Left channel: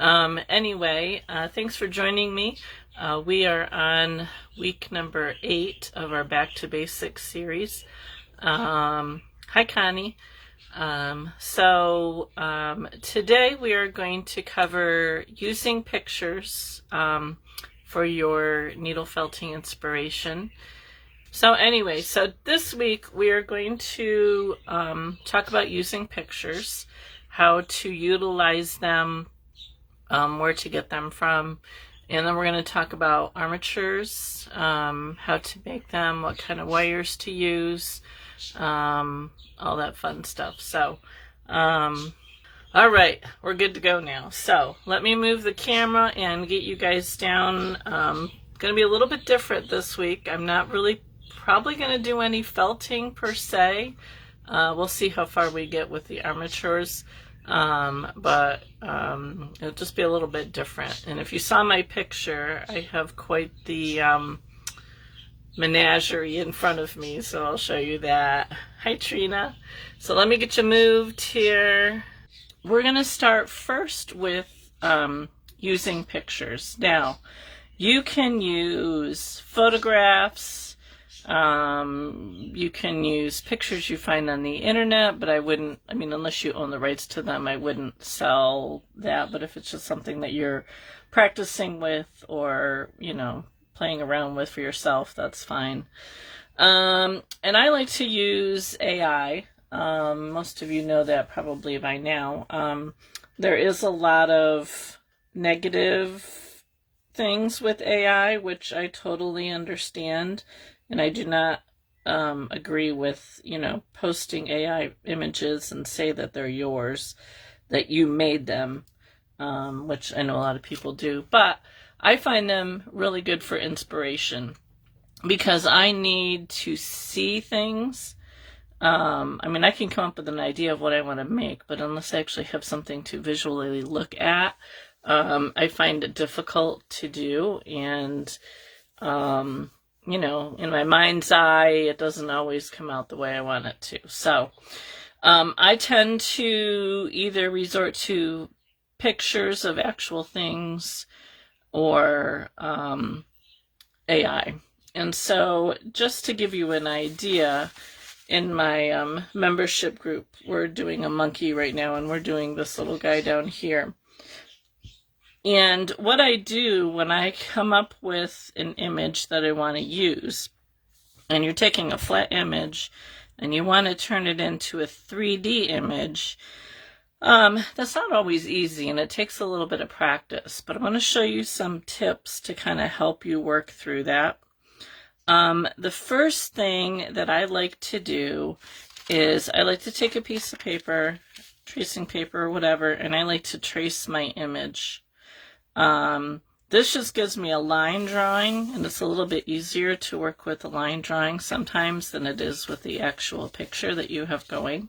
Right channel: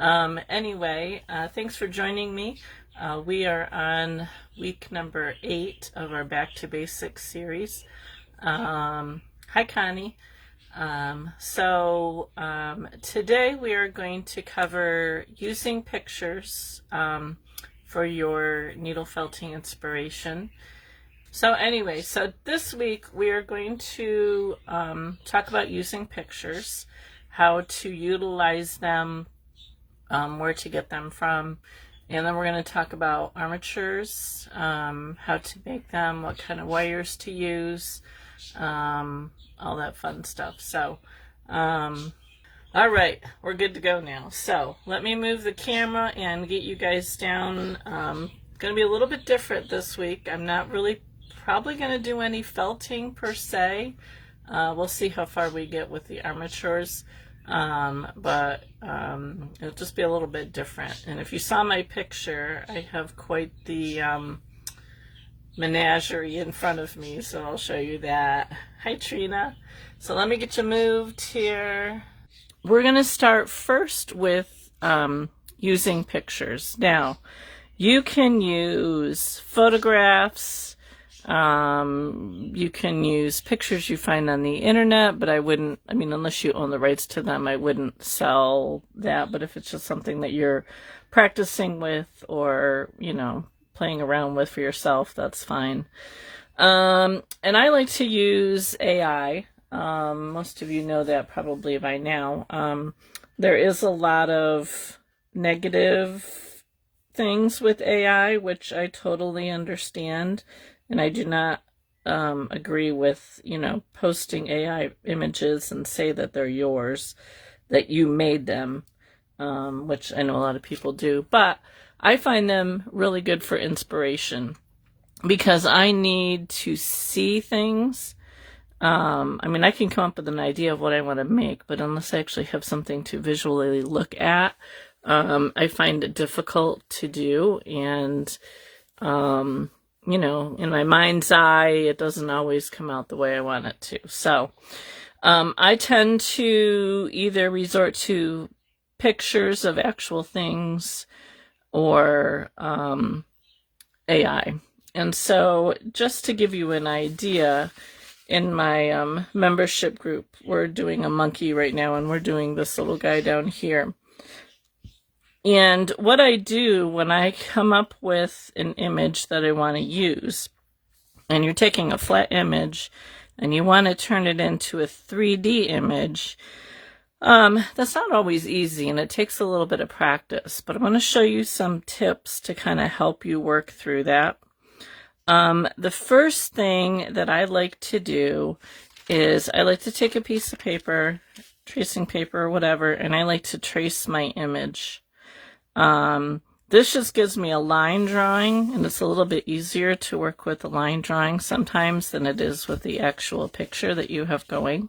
Anyway, thanks for joining me. We are on week number 8 of our Back to Basics series. Hi, Connie. Today we are going to cover using pictures for your needle felting inspiration. So this week we are going to talk about using pictures, how to utilize them, where to get them from, and then we're going to talk about armatures, how to make them, what kind of wires to use, all that fun stuff. So, all right, we're good to go now. So let me move the camera and get you guys down. Going to be a little bit different this week. I'm not really probably going to do any felting per se. We'll see how far we get with the armatures. But it'll just be a little bit different. And if you saw my picture, I have quite the menagerie in front of me, so I'll show you that. Hi, Trina. So let me get you moved here. We're going to start first with using pictures. Now, you can use photographs. You can use pictures you find on the internet, but unless you own the rights to them, I wouldn't sell that. But if it's just something that you're practicing with or, playing around with for yourself, that's fine. And I like to use AI. Most of you know that probably by now. There is a lot of negative things with AI, which I totally understand. And I do not agree with, posting AI images and say that they're yours, that you made them, which I know a lot of people do. But I find them really good for inspiration because I need to see things. I can come up with an idea of what I want to make, but unless I actually have something to visually look at, I find it difficult to do. And, in my mind's eye, it doesn't always come out the way I want it to. So I tend to either resort to pictures of actual things or AI. And so just to give you an idea, in my membership group, we're doing a monkey right now, and we're doing this little guy down here. And what I do when I come up with an image that I want to use, and you're taking a flat image and you want to turn it into a 3D image, that's not always easy, and it takes a little bit of practice. But I want to show you some tips to kind of help you work through that. The first thing that I like to do is I like to take a piece of paper, tracing paper, whatever, and I like to trace my image. This just gives me a line drawing, and it's a little bit easier to work with a line drawing sometimes than it is with the actual picture that you have going.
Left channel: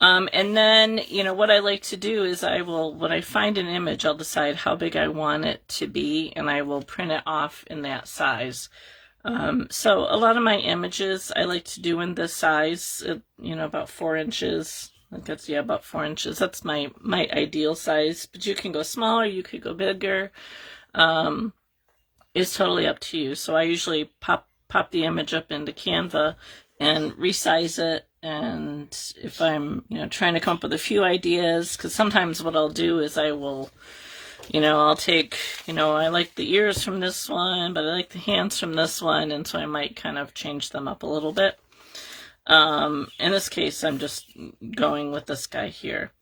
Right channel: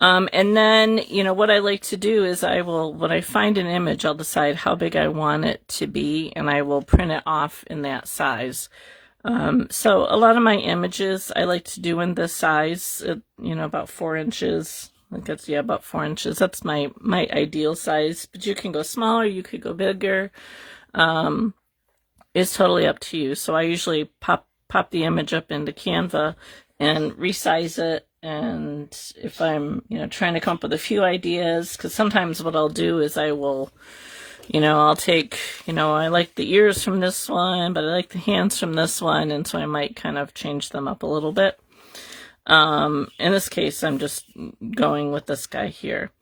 And then, what I like to do is when I find an image, I'll decide how big I want it to be, and I will print it off in that size. So a lot of my images I like to do in this size, about 4 inches. I think that's, about 4 inches. That's my ideal size, but you can go smaller, you could go bigger. It's totally up to you. So I usually pop the image up into Canva and resize it. And if I'm, trying to come up with a few ideas, because sometimes what I'll do is I will, I'll take, I like the ears from this one, but I like the hands from this one. And so I might kind of change them up a little bit. In this case, I'm just going with this guy here.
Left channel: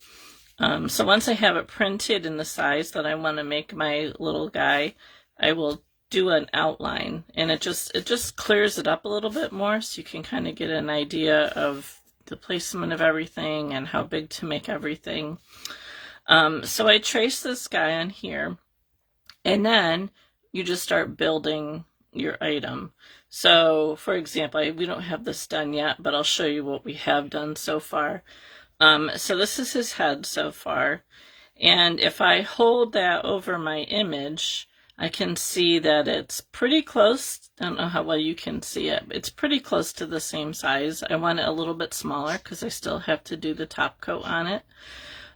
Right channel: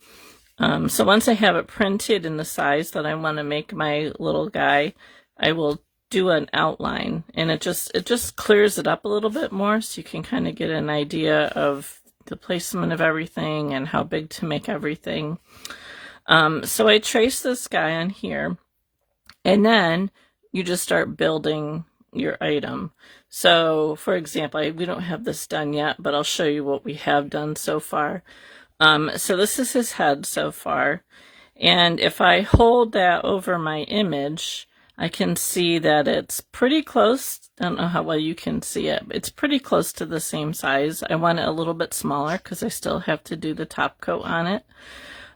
So once I have it printed in the size that I want to make my little guy, I will do an outline, and it just clears it up a little bit more, so you can kind of get an idea of the placement of everything and how big to make everything. So I trace this guy on here, and then you just start building your item. So, for example, we don't have this done yet, but I'll show you what we have done so far. So this is his head so far. And if I hold that over my image, I can see that it's pretty close. I don't know how well you can see it. It's pretty close to the same size. I want it a little bit smaller because I still have to do the top coat on it.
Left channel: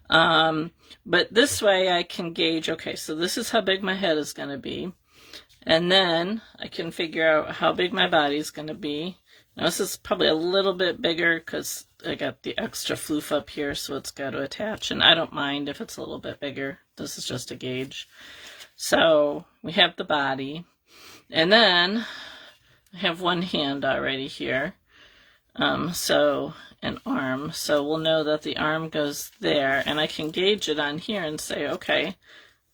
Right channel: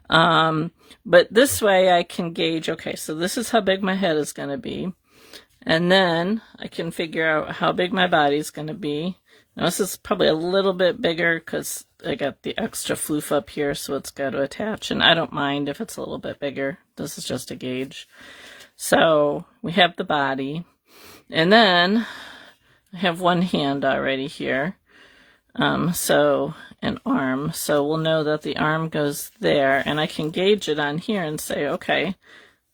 But this way I can gauge, okay, so this is how big my head is going to be. And then I can figure out how big my body's going to be. Now this is probably a little bit bigger because I got the extra floof up here, so it's got to attach. And I don't mind if it's a little bit bigger. This is just a gauge. So we have the body. And then I have one hand already here. So an arm. So we'll know that the arm goes there. And I can gauge it on here and say, okay,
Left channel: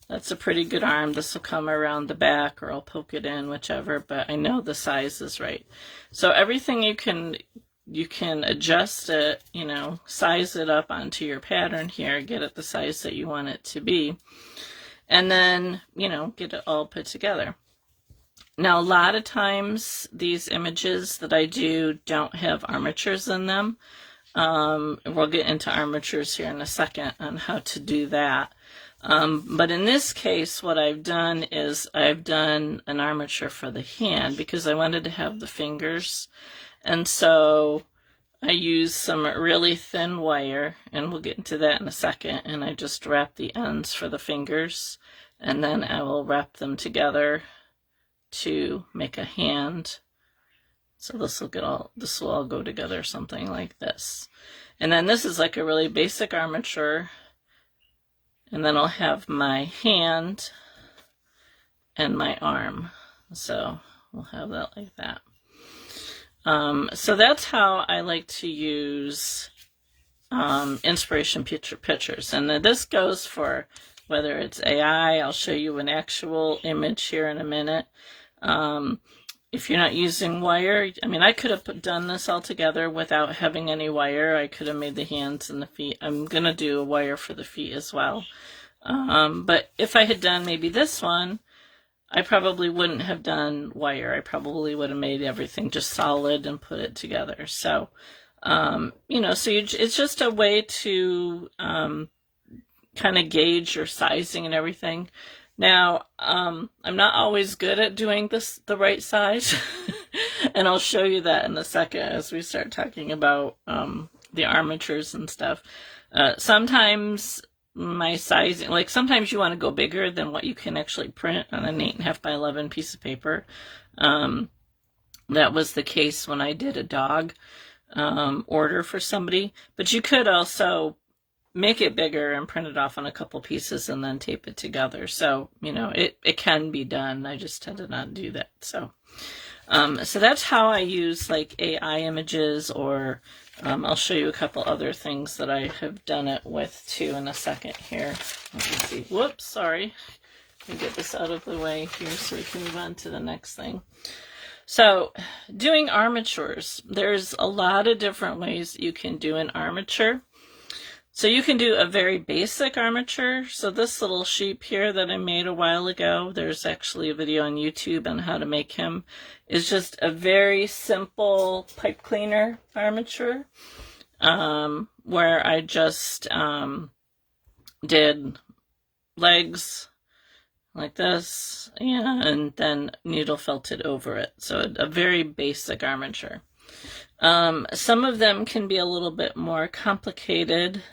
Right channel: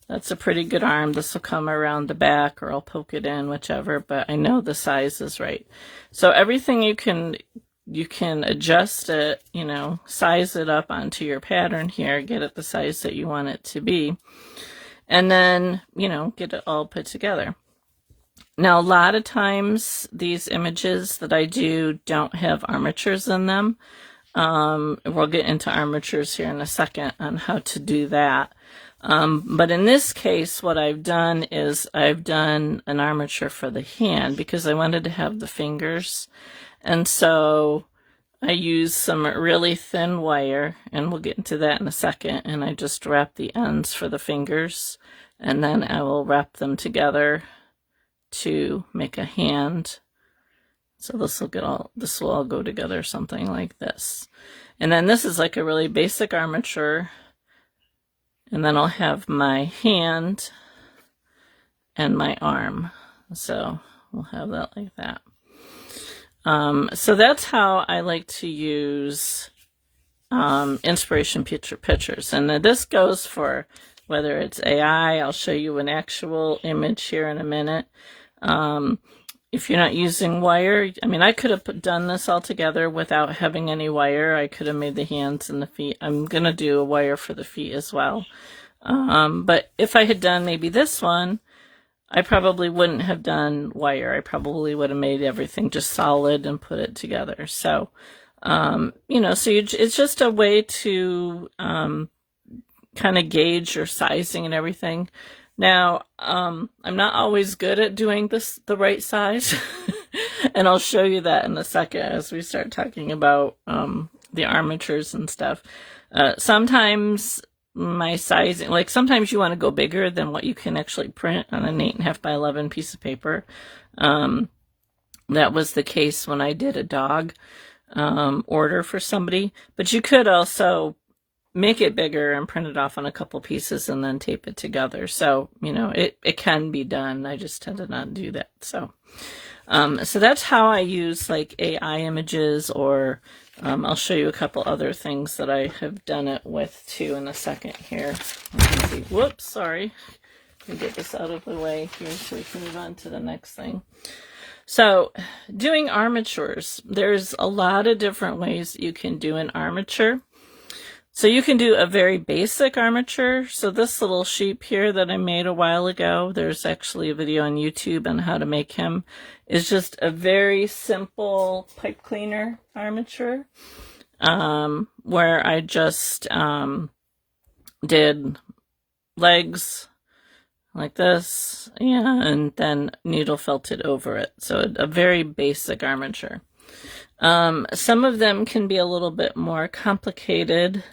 that's a pretty good arm. This will come around the back, or I'll poke it in, whichever, but I know the size is right. So everything you can adjust it, you know, size it up onto your pattern here, get it the size that you want it to be, and then, you know, get it all put together. Now, a lot of times these images that I do don't have armatures in them. We'll get into armatures here in a second on how to do that. But in this case, what I've done is I've done an armature for the hand because I wanted to have the fingers. And so I used some really thin wire, and we'll get into that in a second, and I just wrap the ends for the fingers, and then I will wrap them together to make a hand. So this will all go together, something like this. And then this is like a really basic armature. And then I'll have my hand and my arm. So we'll have that like that. So that's how I like to use inspiration pictures. And this goes for whether it's AI. I'll show you an actual image here in a minute. If you're not using wire, I mean, I could have done this all together without having any wire. I could have made the hands and the feet. I'm going to do a wire for the feet as well. But if I had done maybe this one, I probably wouldn't have done wire. I probably would have made everything just solid and put it together. So, you know, so it's just a way to kind of gauge your sizing and everything. Now, I'm not always good at doing the right size, and I'll show you that in a second as we start talking about the armatures and stuff. Sometimes my sizing, like sometimes you want to go bigger than what you can actually print on an 8.5 by 11 piece of paper. That was the case when I did a dog order for somebody, but you could also make it bigger and print it off on a couple pieces and then tape it together. So, you know, it can be done. I just tend to not do that. So, so that's how I use like AI images, or I'll show you a couple other things that I have done it with too in a second here. You can see, whoops, sorry. Let me get this out of the way here so we can move on to the next thing. So doing armatures, there's a lot of different ways you can do an armature. So you can do a very basic armature. So this little sheep here that I made a while ago, there's actually a video on YouTube on how to make him, is just a very simple pipe cleaner armature, where I just did legs like this, yeah, and then needle felted over it. So a very basic armature. Some of them can be a little bit more complicated.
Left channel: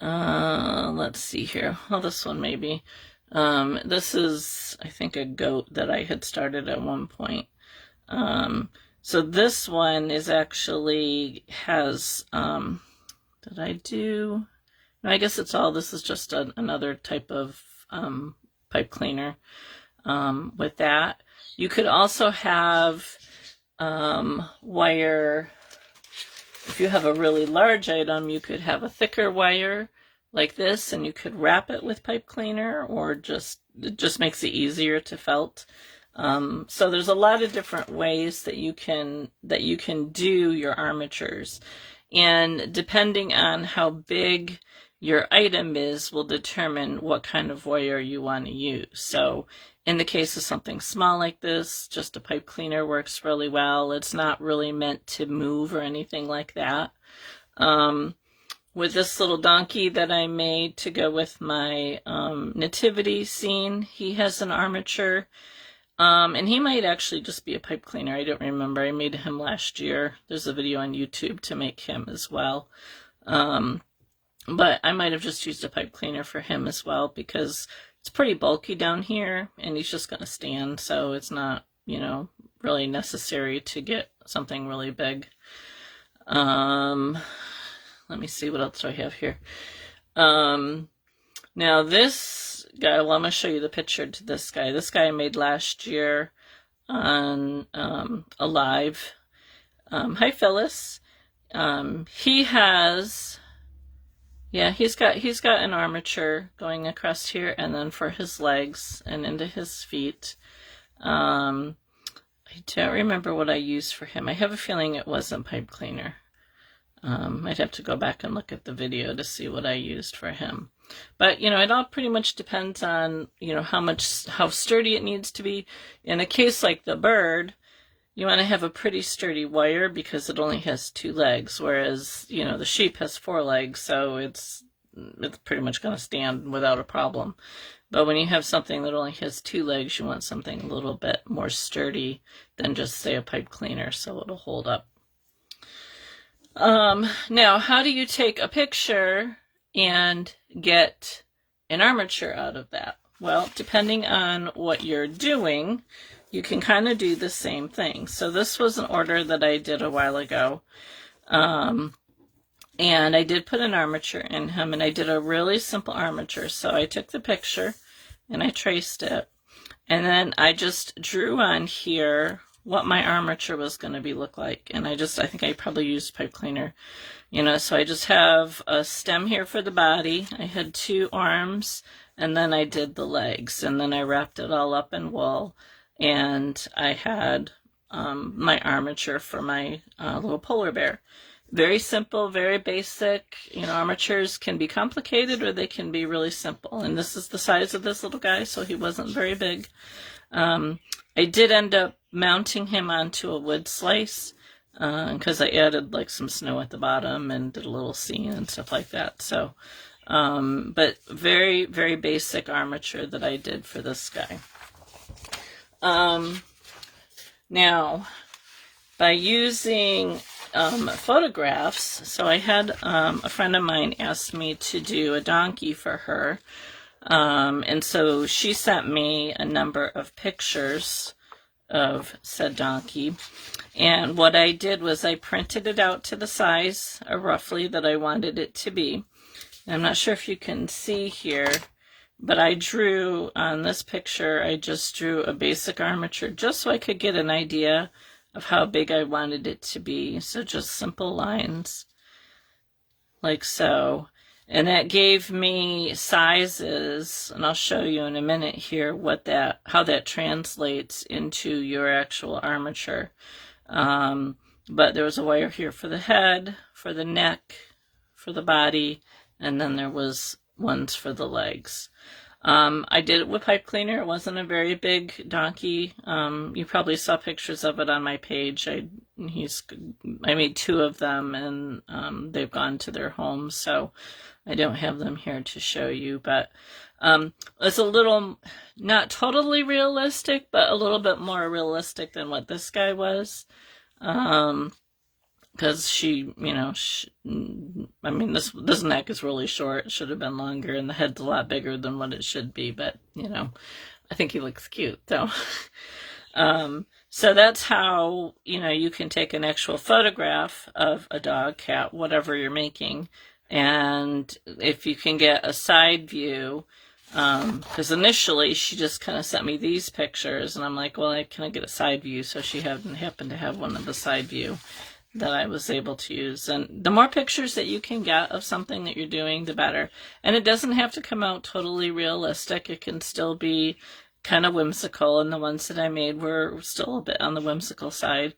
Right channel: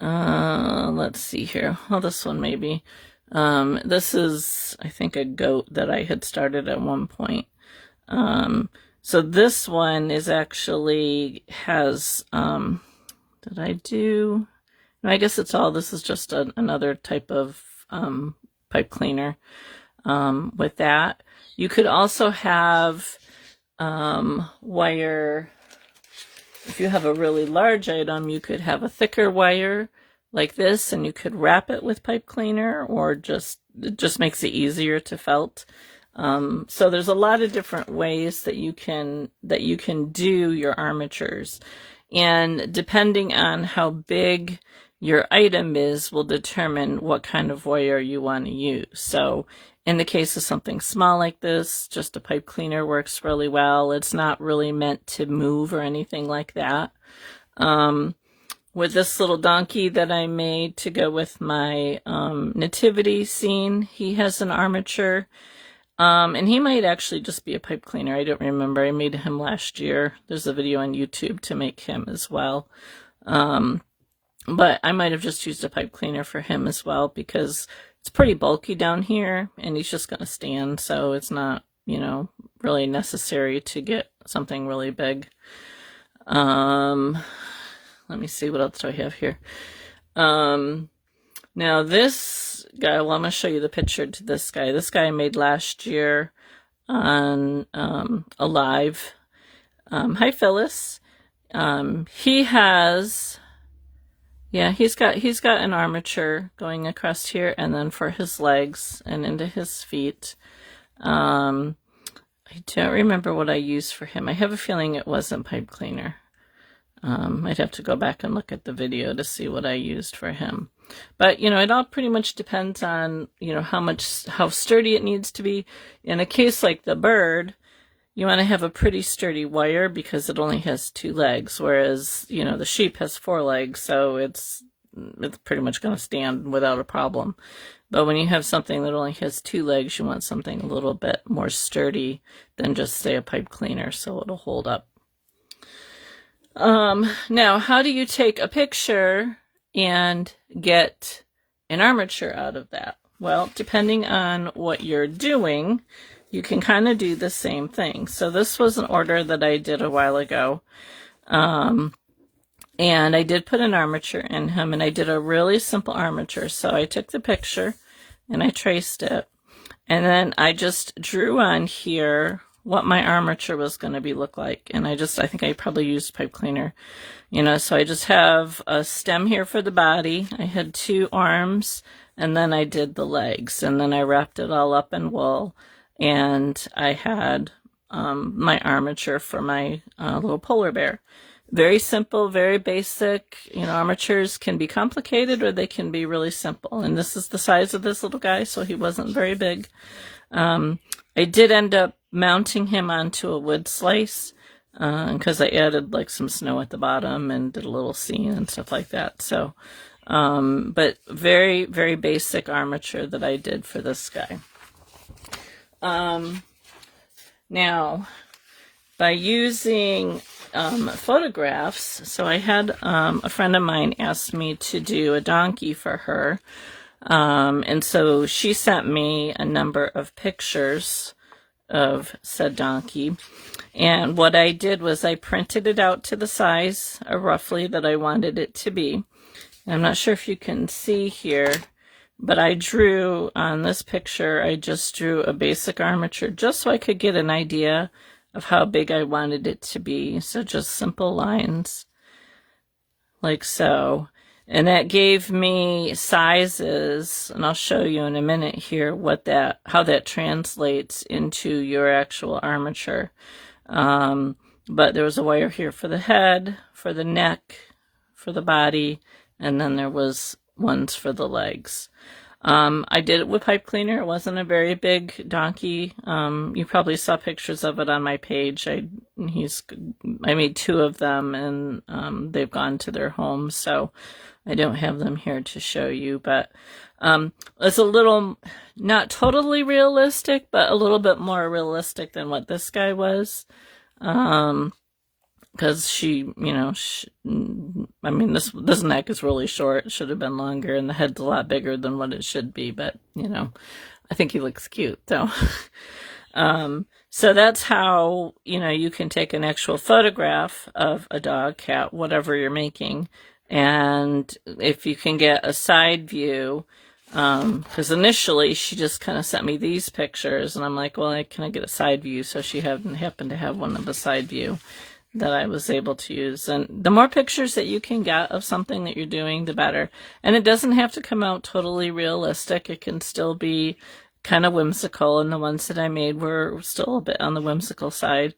Let's see here. Well, this one maybe. This is, I think, a goat that I had started at one point. So this one is actually has, did I do? I guess it's all, this is just another type of pipe cleaner with that. You could also have wire. If you have a really large item, you could have a thicker wire like this, and you could wrap it with pipe cleaner, or it just makes it easier to felt. So there's a lot of different ways that you can do your armatures, and depending on how big your item is will determine what kind of wire you want to use. So in the case of something small like this, just a pipe cleaner works really well. It's not really meant to move or anything like that. With this little donkey that I made to go with my nativity scene, he has an armature. And he might actually just be a pipe cleaner. I don't remember. I made him last year. There's a video on YouTube to make him as well. But I might have just used a pipe cleaner for him as well, because it's pretty bulky down here and he's just going to stand, so it's not, you know, really necessary to get something really big. Let me see, what else do I have here? Now this guy, well, I'm going to show you the picture to this guy. This guy I made last year on Alive. Hi, Phyllis. He has, yeah, he's got an armature going across here, and then for his legs and into his feet. I don't remember what I used for him. I have a feeling it wasn't pipe cleaner. I'd have to go back and look at the video to see what I used for him. But, you know, it all pretty much depends on, you know, how sturdy it needs to be. In a case like the bird, you want to have a pretty sturdy wire because it only has 2 legs, whereas, you know, the sheep has 4 legs, so it's pretty much going to stand without a problem. But when you have something that only has 2 legs, you want something a little bit more sturdy than just, say, a pipe cleaner, so it'll hold up. Now, how do you take a picture and get an armature out of that? Well, depending on what you're doing, you can kind of do the same thing. So this was an order that I did a while ago. And I did put an armature in him, and I did a really simple armature. So I took the picture and I traced it. And then I just drew on here what my armature was going to look like. And I think I probably used pipe cleaner, you know, so I just have a stem here for the body. I had 2 arms, and then I did the legs, and then I wrapped it all up in wool, and I had my armature for my little polar bear. Very simple, very basic. You know, armatures can be complicated or they can be really simple. And this is the size of this little guy, so he wasn't very big. I did end up mounting him onto a wood slice because I added like some snow at the bottom and did a little scene and stuff like that. So, but very, very basic armature that I did for this guy. Now, by using photographs, so I had a friend of mine asked me to do a donkey for her. And so she sent me a number of pictures of said donkey. And what I did was I printed it out to the size roughly that I wanted it to be. I'm not sure if you can see here, but I drew on this picture, I just drew a basic armature just so I could get an idea of how big I wanted it to be. So just simple lines like so. And that gave me sizes, and I'll show you in a minute here how that translates into your actual armature. But there was a wire here for the head, for the neck, for the body, and then there was ones for the legs. I did it with pipe cleaner. It wasn't a very big donkey. You probably saw pictures of it on my page. I made 2 of them, and they've gone to their homes, so I don't have them here to show you. But it's a little, not totally realistic, but a little bit more realistic than what this guy was. Because she, you know, I mean, this neck is really short. It should have been longer, and the head's a lot bigger than what it should be. But, you know, I think he looks cute, though. So that's how, you know, you can take an actual photograph of a dog, cat, whatever you're making. And if you can get a side view, because initially she just kind of sent me these pictures, and I'm like, well, can I get a side view? So she happened to have one of the side view that I was able to use. And the more pictures that you can get of something that you're doing, the better. And it doesn't have to come out totally realistic. It can still be kind of whimsical, and the ones that I made were still a bit on the whimsical side,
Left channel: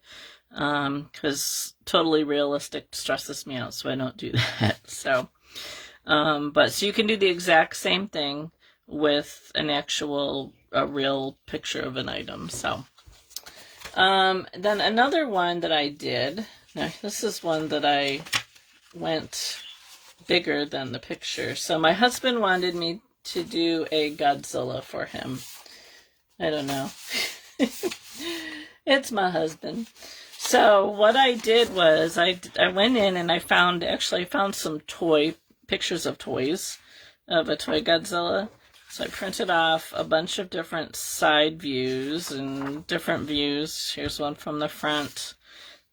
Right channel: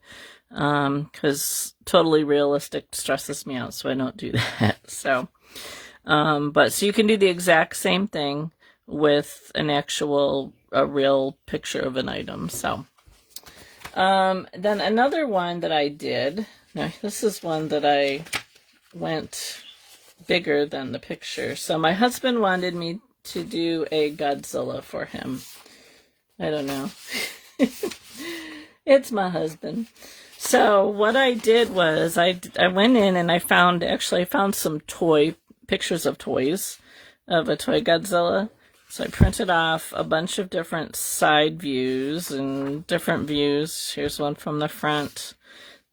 because totally realistic stresses me out, so I don't do that. So, so you can do the exact same thing with a real picture of an item. So, then another one that I did, now this is one that I went bigger than the picture. So my husband wanted me to do a Godzilla for him. I don't know. It's my husband. So what I did was I went in and I found some toy pictures of toys, of a toy Godzilla. So I printed off a bunch of different side views and different views. Here's one from the front.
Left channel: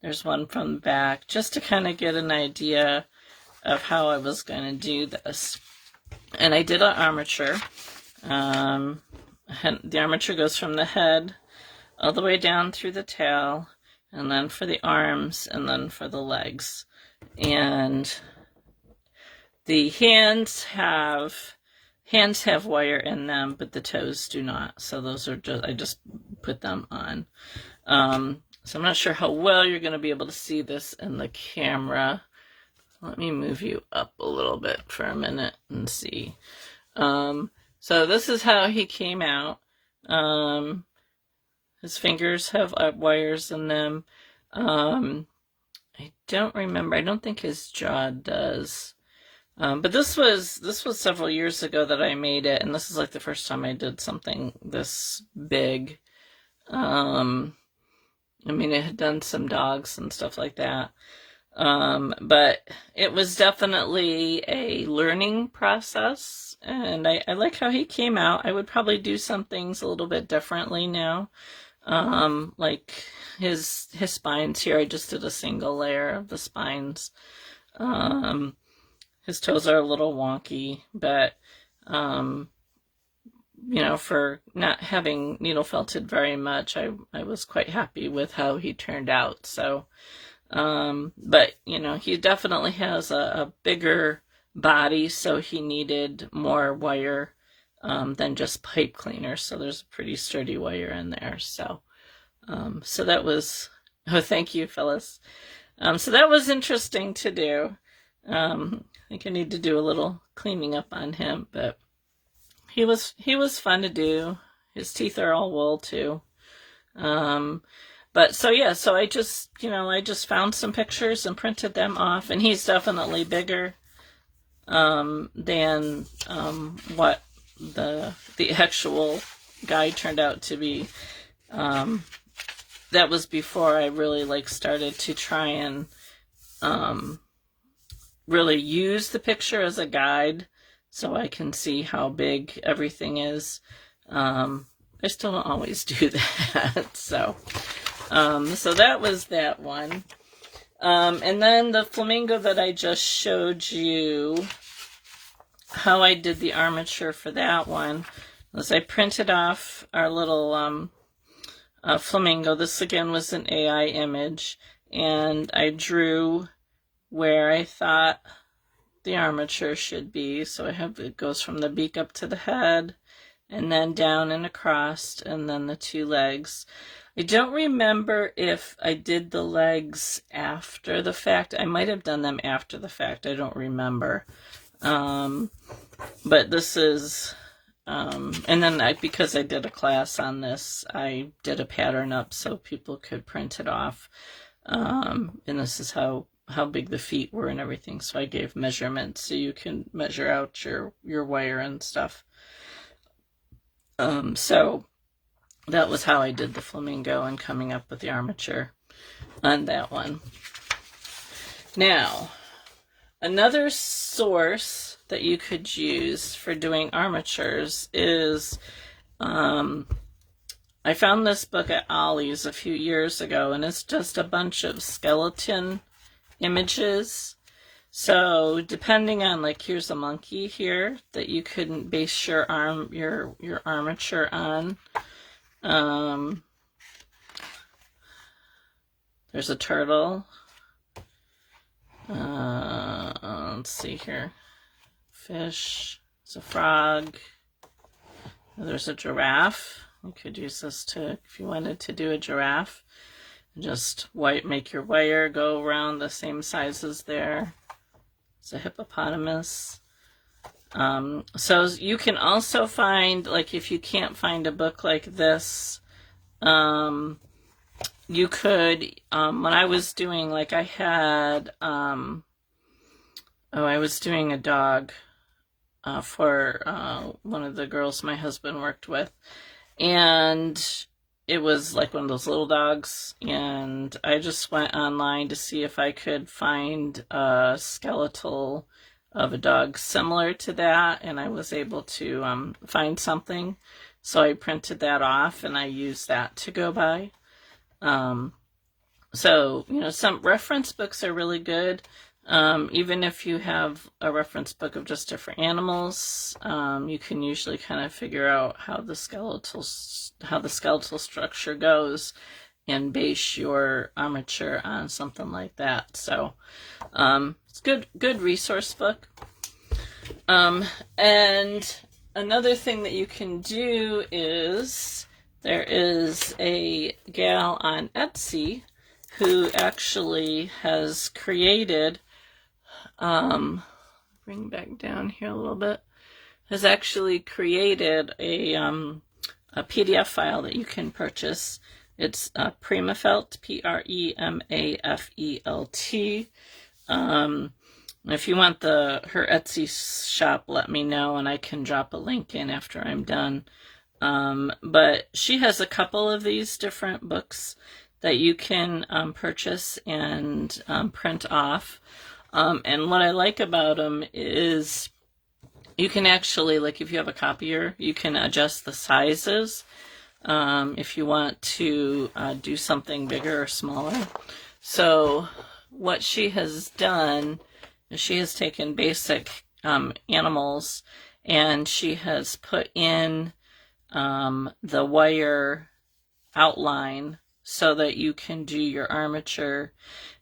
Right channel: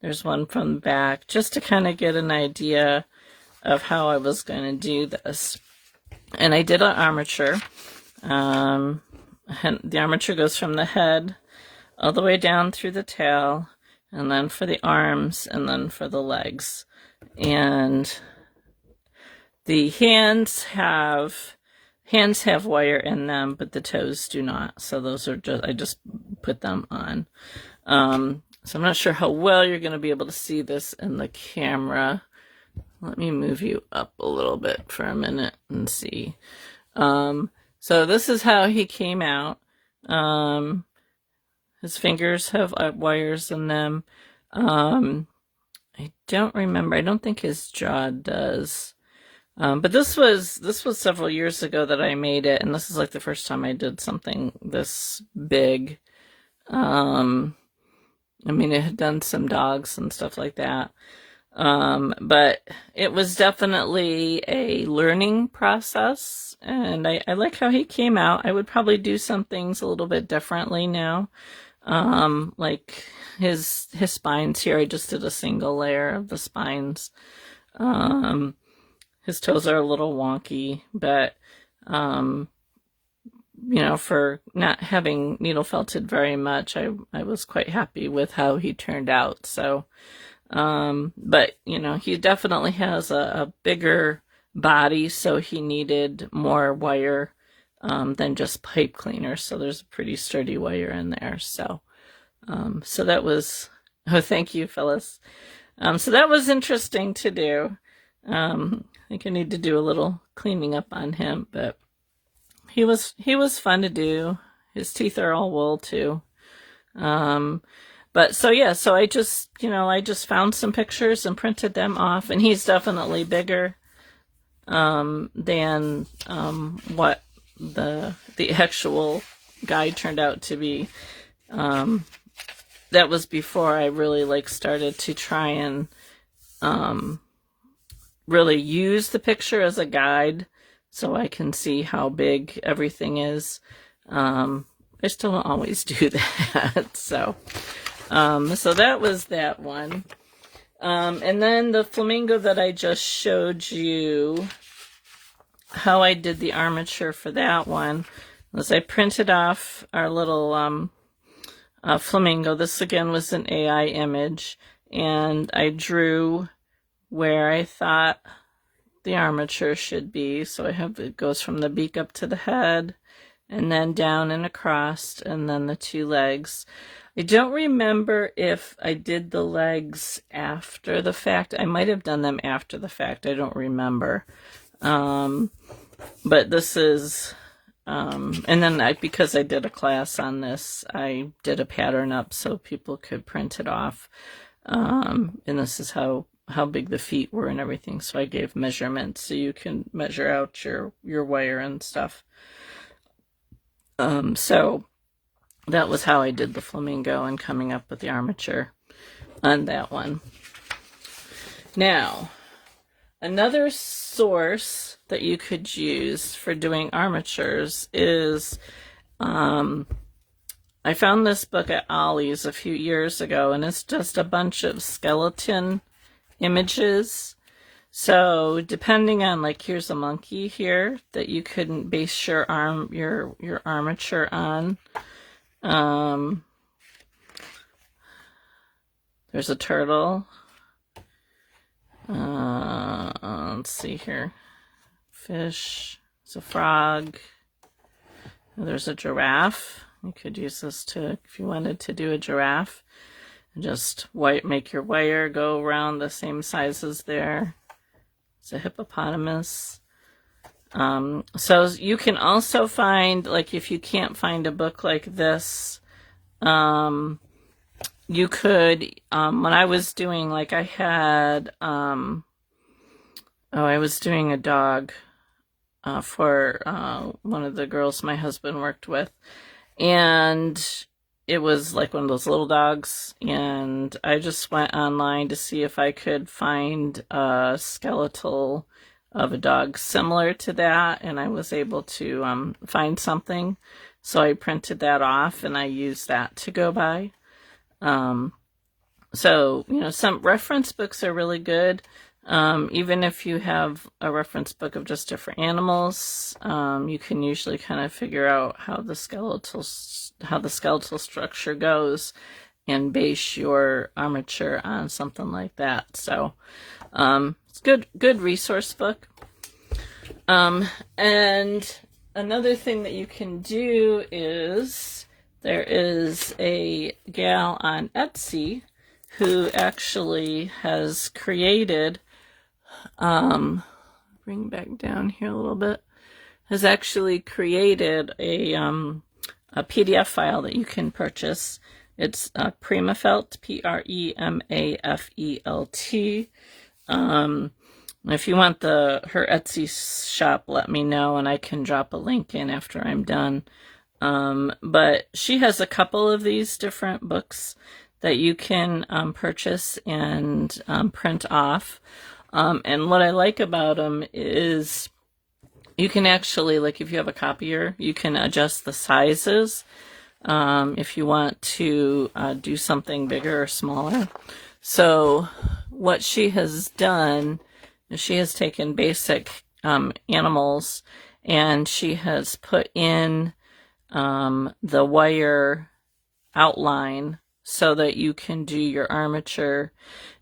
There's one from the back, just to kind of get an idea of how I was going to do this. And I did an armature. The armature goes from the head all the way down through the tail, and then for the arms, and then for the legs. And the hands have wire in them, but the toes do not. So those are I just put them on. So I'm not sure how well you're going to be able to see this in the camera. Let me move you up a little bit for a minute and see. So this is how he came out. His fingers have wires in them. I don't remember. I don't think his jaw does. But this was several years ago that I made it, and this is like the first time I did something this big. I mean, I had done some dogs and stuff like that. But it was definitely a learning process, and I like how he came out. I would probably do some things a little bit differently now. Like his spines here, I just did a single layer of the spines. His toes are a little wonky, but, you know, for not having needle felted very much, I was quite happy with how he turned out. So, but, you know, he definitely has a bigger body, so he needed more wire than just pipe cleaner. So there's a pretty sturdy wire in there. So, so that was, oh, thank you, Phyllis. So that was interesting to do. I think I need to do a little cleaning up on him, but he was fun to do. His teeth are all wool too. But so yeah, so I just found some pictures and printed them off, and he's definitely bigger than what the actual guy turned out to be. That was before I really started to try and really use the picture as a guide so I can see how big everything is. I still don't always do that. So that was that one. And then the flamingo that I just showed you, how I did the armature for that one was I printed off our little flamingo. This again was an AI image, and I drew where I thought the armature should be. So I have, it goes from the beak up to the head, and then down and across, and then the two legs. I don't remember if I did the legs after the fact. I might have done them after the fact. I don't remember. But this is, and then because I did a class on this, I did a pattern up so people could print it off. And this is how big the feet were and everything. So I gave measurements so you can measure out your wire and stuff. So that was how I did the flamingo and coming up with the armature on that one. Now, another source that you could use for doing armatures is, I found this book at Ollie's a few years ago, and it's just a bunch of skeleton images. So depending on, here's a monkey here that you couldn't base your armature on. There's a turtle. Let's see here. Fish. There's a frog. There's a giraffe. You could use this if you wanted to do a giraffe. Just make your wire go around the same sizes there. It's a hippopotamus. So you can also find, if you can't find a book like this, you could, when I was doing, I had, I was doing a dog for one of the girls my husband worked with, and it was one of those little dogs, and I just went online to see if I could find a skeletal of a dog similar to that, and I was able to find something. So I printed that off and I used that to go by. So, you know, some reference books are really good. Even if you have a reference book of just different animals, you can usually kind of figure out how the skeletal structure goes and base your armature on something like that. So, it's good resource book. And another thing that you can do is there is a gal on Etsy who actually has created, bring back down here a little bit, has actually created a PDF file that you can purchase. It's Primaelt, Premafelt. If you want her Etsy shop, let me know and I can drop a link in after I'm done. But she has a couple of these different books that you can purchase and print off. And what I like about them is you can actually, like if you have a copier, you can adjust the sizes if you want to do something bigger or smaller. So what she has done is she has taken basic animals and she has put in the wire outline so that you can do your armature.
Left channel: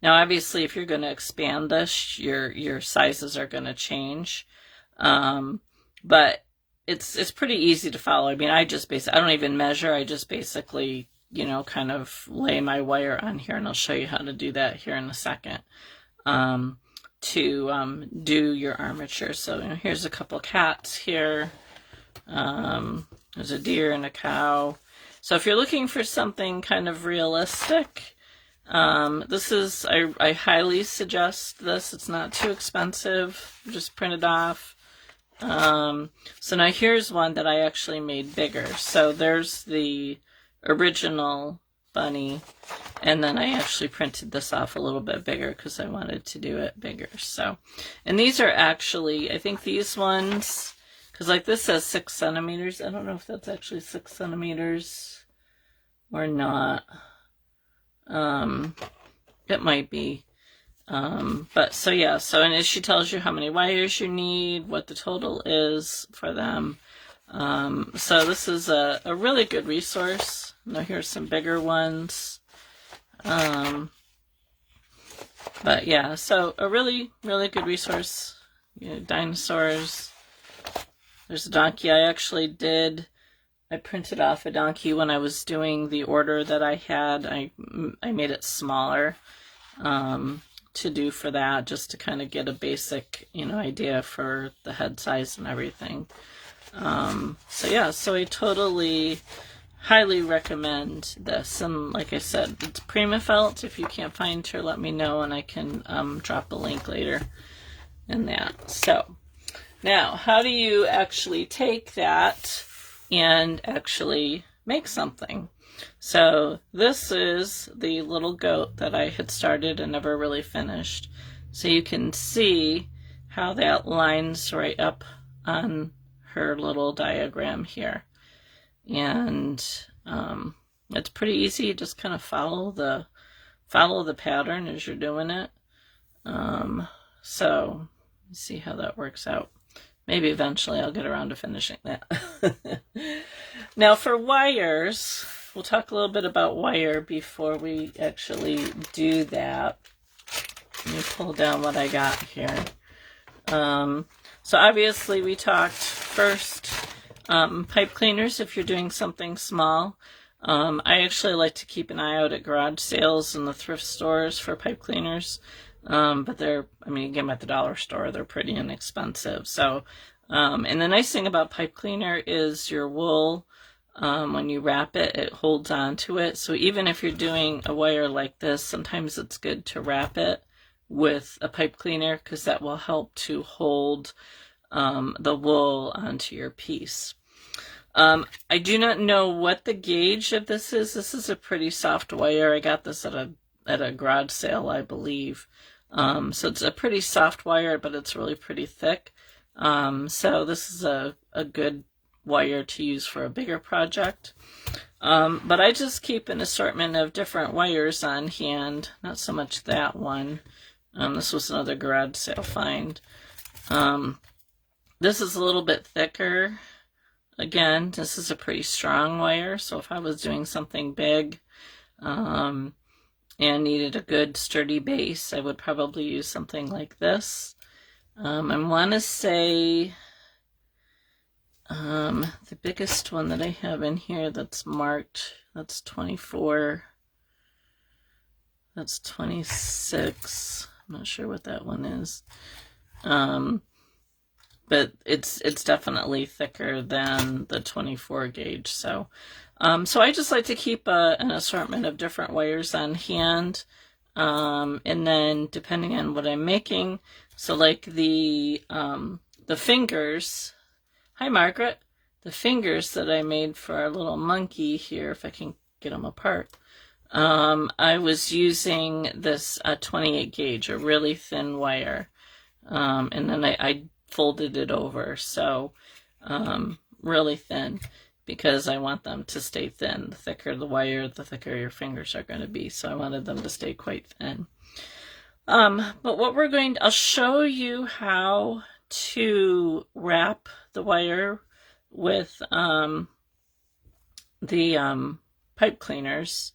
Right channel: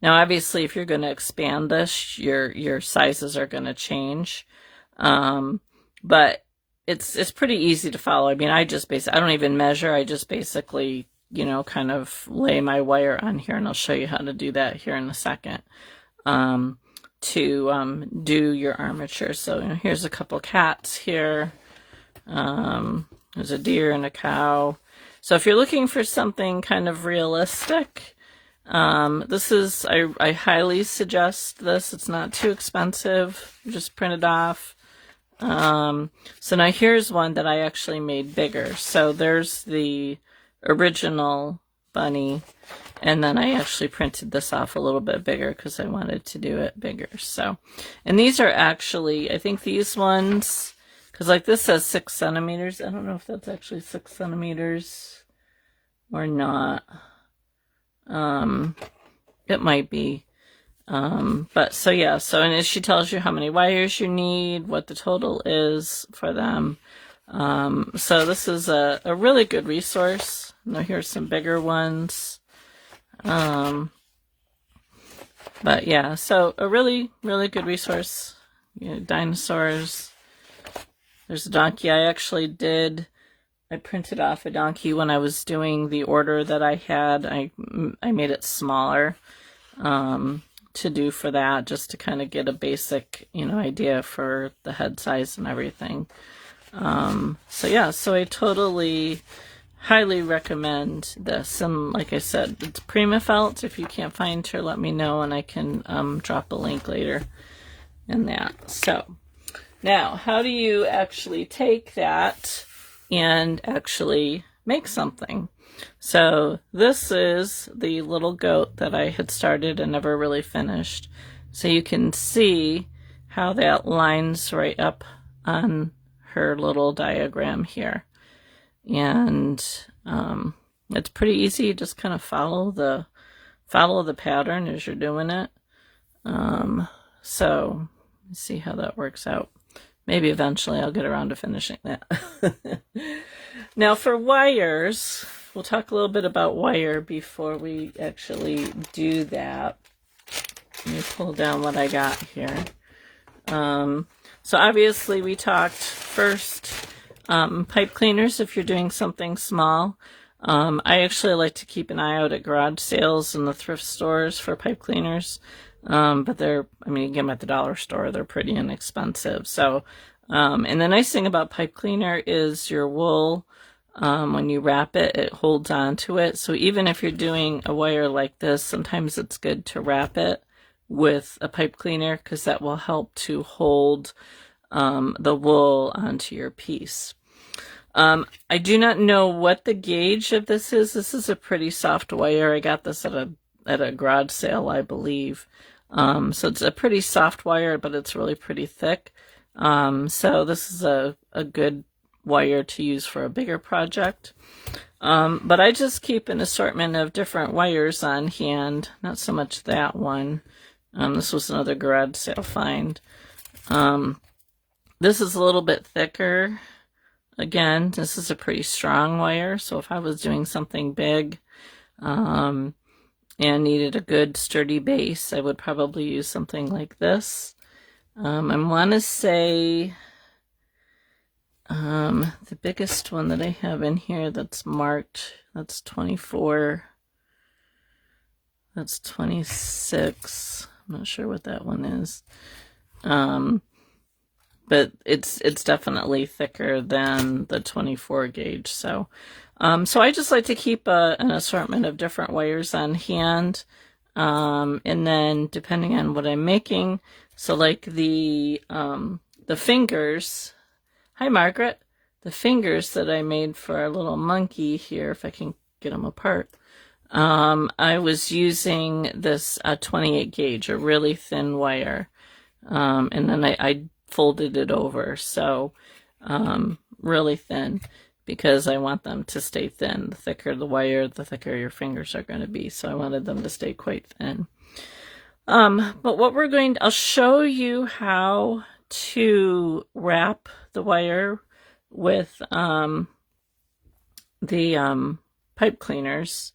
Now, obviously, if you're going to expand this, your sizes are going to change. But it's pretty easy to follow. I mean, I don't even measure. I just basically, you know, kind of lay my wire on here, and I'll show you how to do that here in a second. To do your armature. So, you know, here's a couple cats here. There's a deer and a cow. So if you're looking for something kind of realistic, this is, I highly suggest this. It's not too expensive. Just print it off. So now here's one that I actually made bigger. So there's the original bunny, and then I actually printed this off a little bit bigger because I wanted to do it bigger. So, and these are actually, I think these ones, because like this says 6 centimeters. I don't know if that's actually 6 centimeters or not. It might be. But so yeah, so and she tells you how many wires you need, what the total is for them. So this is a really good resource. Now here's some bigger ones. But yeah, so a really, really good resource. You know, dinosaurs. There's a donkey. I printed off a donkey when I was doing the order that I had. I made it smaller to do for that, just to kind of get a basic, you know, idea for the head size and everything. So yeah, so I totally highly recommend this. And like I said, it's Primaelt. If you can't find her, let me know and I can drop a link later in that. So now, how do you actually take that and actually make something? So this is the little goat that I had started and never really finished. So you can see how that lines right up on her little diagram here. And it's pretty easy. You just kind of follow the pattern as you're doing it. So let's see how that works out. Maybe eventually I'll get around to finishing that. Now for wires, we'll talk a little bit about wire before we actually do that. Let me pull down what I got here. So obviously we talked first pipe cleaners if you're doing something small. I actually like to keep an eye out at garage sales and the thrift stores for pipe cleaners. But you can get them at the dollar store. They're pretty inexpensive. So, and the nice thing about pipe cleaner is your wool, when you wrap it, it holds on to it. So even if you're doing a wire like this, sometimes it's good to wrap it with a pipe cleaner because that will help to hold the wool onto your piece. I do not know what the gauge of this is. This is a pretty soft wire. I got this at a garage sale, I believe. So it's a pretty soft wire, but it's really pretty thick. So this is a good wire to use for a bigger project. But I just keep an assortment of different wires on hand, not so much that one. This was another garage sale find. This is a little bit thicker. Again, this is a pretty strong wire, so if I was doing something big and needed a good sturdy base, I would probably use something like this. I want to say the biggest one that I have in here that's marked, that's 24, that's 26. I'm not sure what that one is. But it's definitely thicker than the 24 gauge. So I just like to keep an assortment of different wires on hand. And then depending on what I'm making, so like the fingers, hi Margaret, the fingers that I made for our little monkey here, if I can get them apart, I was using this 28 gauge, a really thin wire. And then I folded it over, so really thin, because I want them to stay thin. The thicker the wire, the thicker your fingers are going to be, so I wanted them to stay quite thin. But what we're going to, I'll show you how to wrap the wire with the pipe cleaners.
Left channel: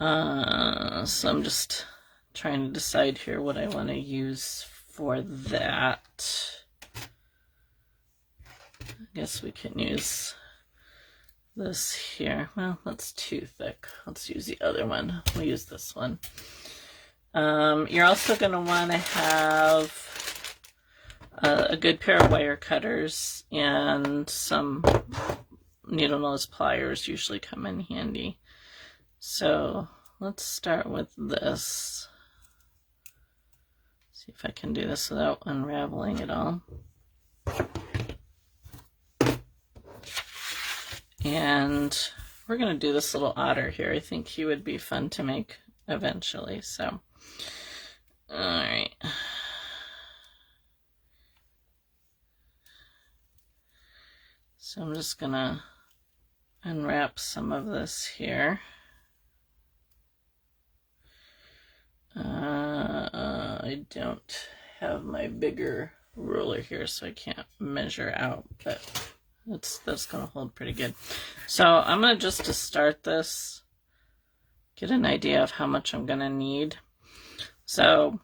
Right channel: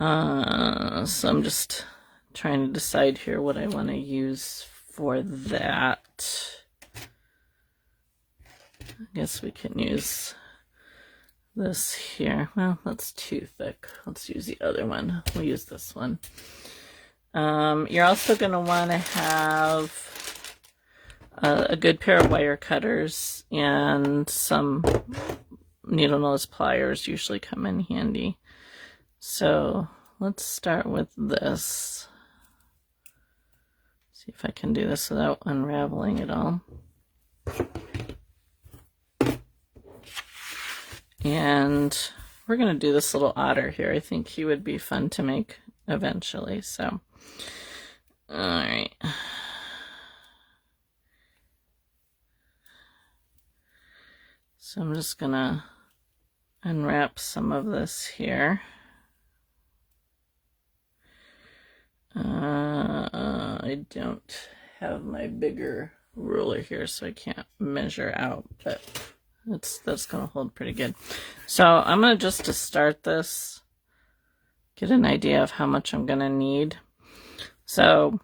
So I'm just trying to decide here what I want to use for that. I guess we can use this here. Well, that's too thick. Let's use the other one. We'll use this one. You're also going to want to have a good pair of wire cutters, and some needle nose pliers usually come in handy. So let's start with this. See if I can do this without unraveling it all. And we're going to do this little otter here. I think he would be fun to make eventually. So, all right. So I'm just going to unwrap some of this here. I don't have my bigger ruler here, so I can't measure out, but that's going to hold pretty good. So I'm going to just to start this, get an idea of how much I'm going to need. So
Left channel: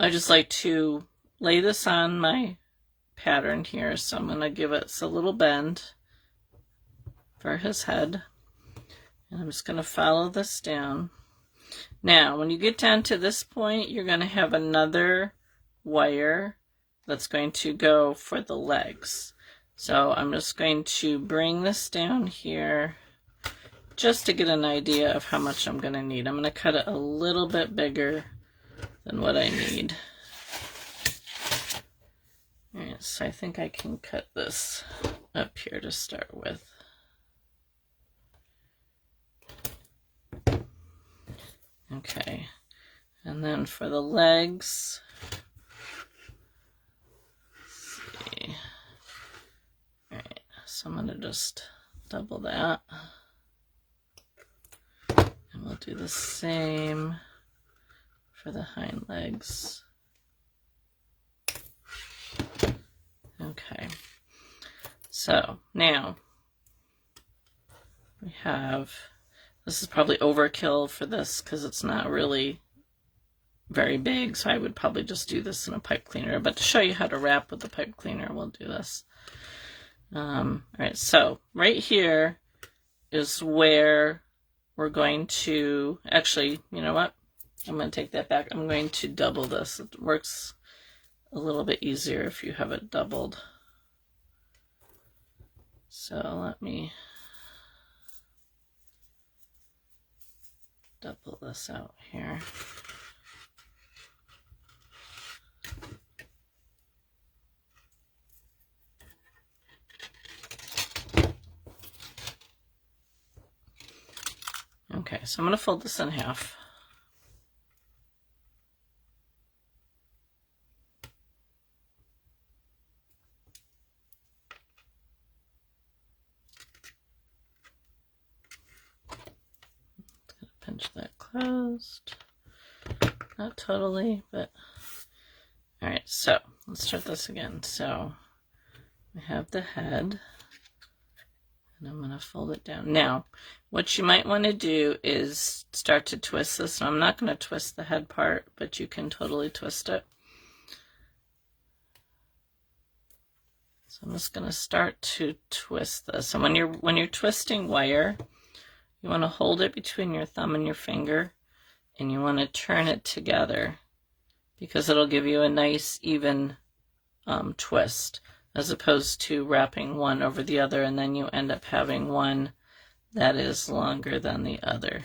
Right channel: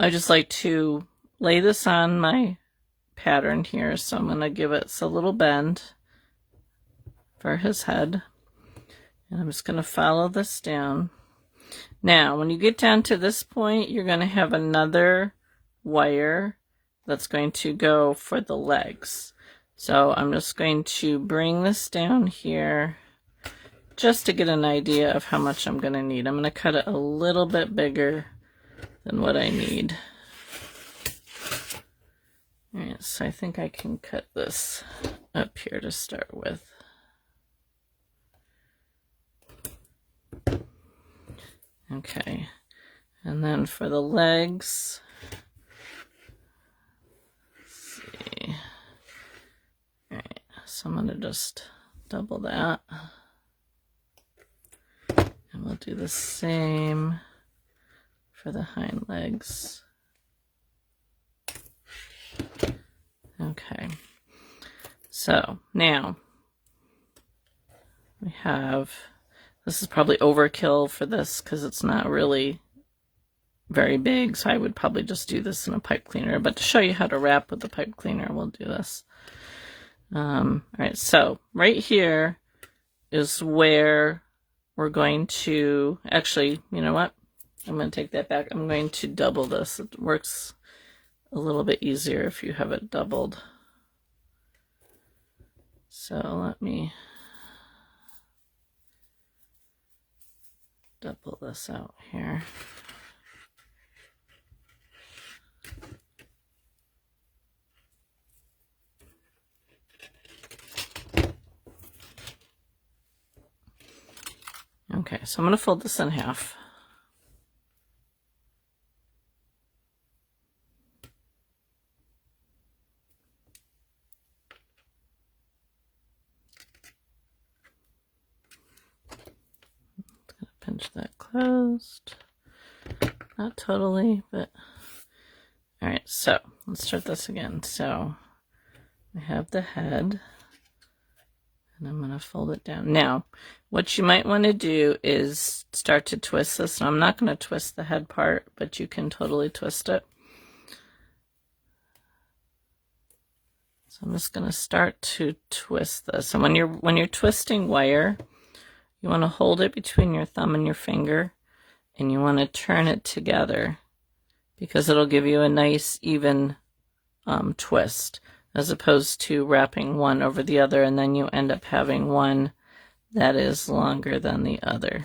I just like to lay this on my pattern here. So I'm going to give it a little bend for his head. And I'm just going to follow this down. Now, when you get down to this point, you're going to have another wire that's going to go for the legs. So I'm just going to bring this down here just to get an idea of how much I'm going to need. I'm going to cut it a little bit bigger than what I need. All right, so I think I can cut this up here to start with. Okay, and then for the legs, let's see. All right, so I'm going to just double that. And we'll do the same for the hind legs. Okay, so now we have, this is probably overkill for this because it's not really very big, so I would probably just do this in a pipe cleaner, but to show you how to wrap with the pipe cleaner, we'll do this. All right, so right here is where we're going to, actually, you know what? I'm going to take that back. I'm going to double this. It works a little bit easier if you have it doubled. So let me double this out here. Okay, so I'm going to fold this in half. Pinch that closed. Not totally, but all right, so let's start this again. So I have the head, and I'm going to fold it down. Now, what you might want to do is start to twist this. So I'm not going to twist the head part, but you can totally twist it. So I'm just going to start to twist this. And when you're twisting wire, you want to hold it between your thumb and your finger, and you want to turn it together because it'll give you a nice even twist, as opposed to wrapping one over the other and then you end up having one that is longer than the other.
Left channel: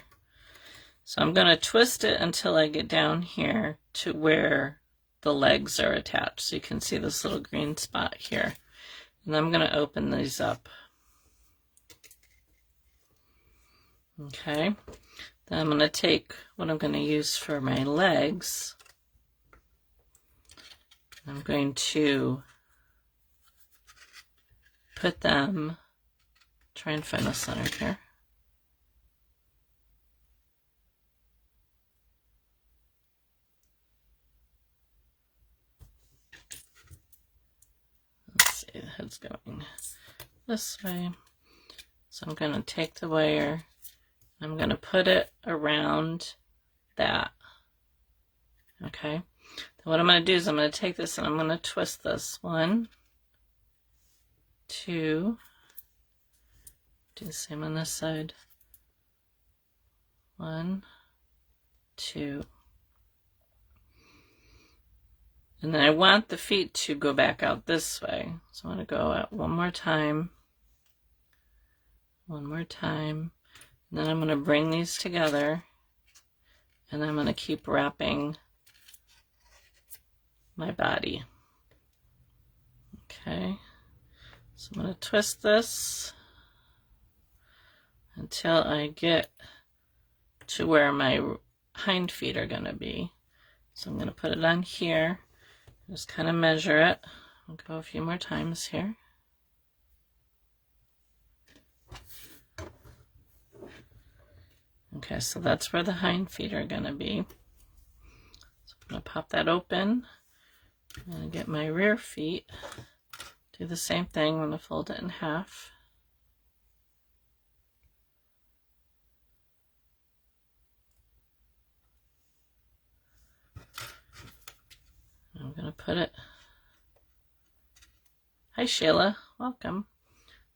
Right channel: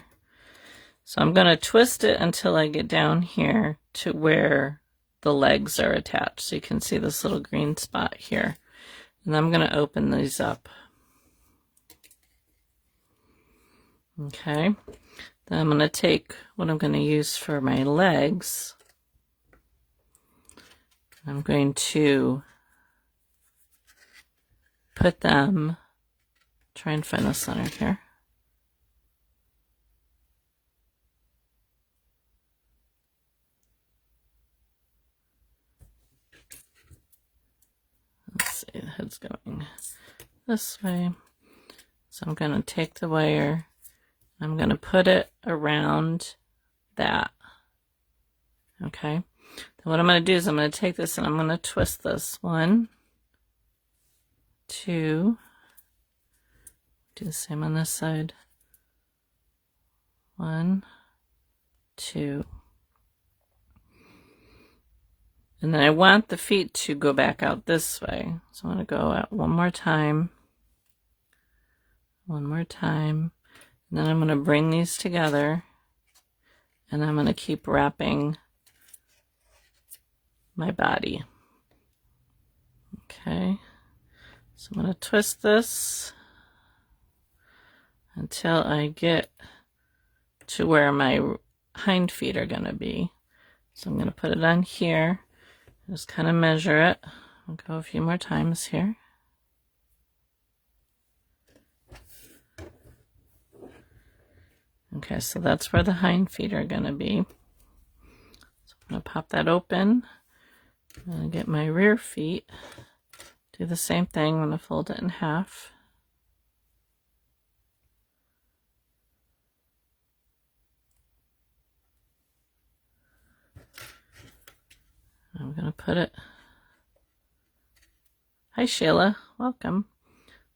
So I'm going to twist it until I get down here to where the legs are attached. So you can see this little green spot here. And I'm going to open these up. Okay. Then I'm going to take what I'm going to use for my legs. I'm going to put them, try and find the center here. Let's see, the head's going this way. So I'm going to take the wire, I'm going to put it around that. Okay. Then what I'm going to do is I'm going to take this and I'm going to twist this. 1, 2, do the same on this side. 1, 2. And then I want the feet to go back out this way. So I'm going to go out one more time. One more time. And then I'm going to bring these together. And I'm going to keep wrapping my body. Okay. So I'm going to twist this until I get to where my hind feet are going to be. So I'm going to put it on here. Just kind of measure it. I'll go a few more times here. Okay, so that's where the hind feet are going to be. So I'm going to pop that open and get my rear feet. Do the same thing. I'm going to fold it in half. I'm going to put it. Hi, Sheila. Welcome.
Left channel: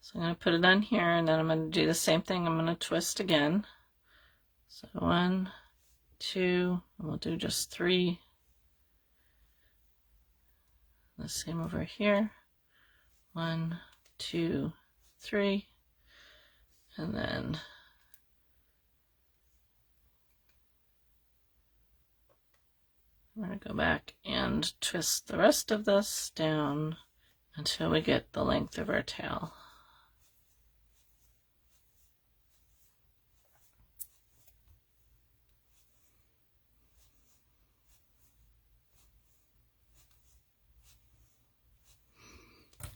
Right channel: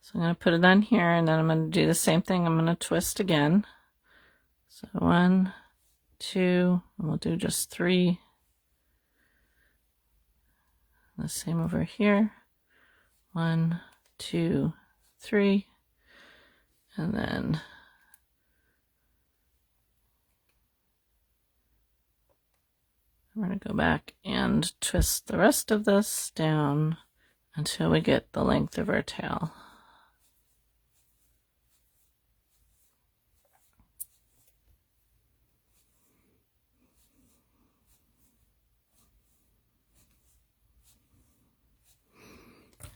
So I'm going to put it on here, and then I'm going to do the same thing. I'm going to twist again. So 1, 2, and we'll do just 3. The same over here. 1, 2, 3. And then I'm going to go back and twist the rest of this down until we get the length of our tail.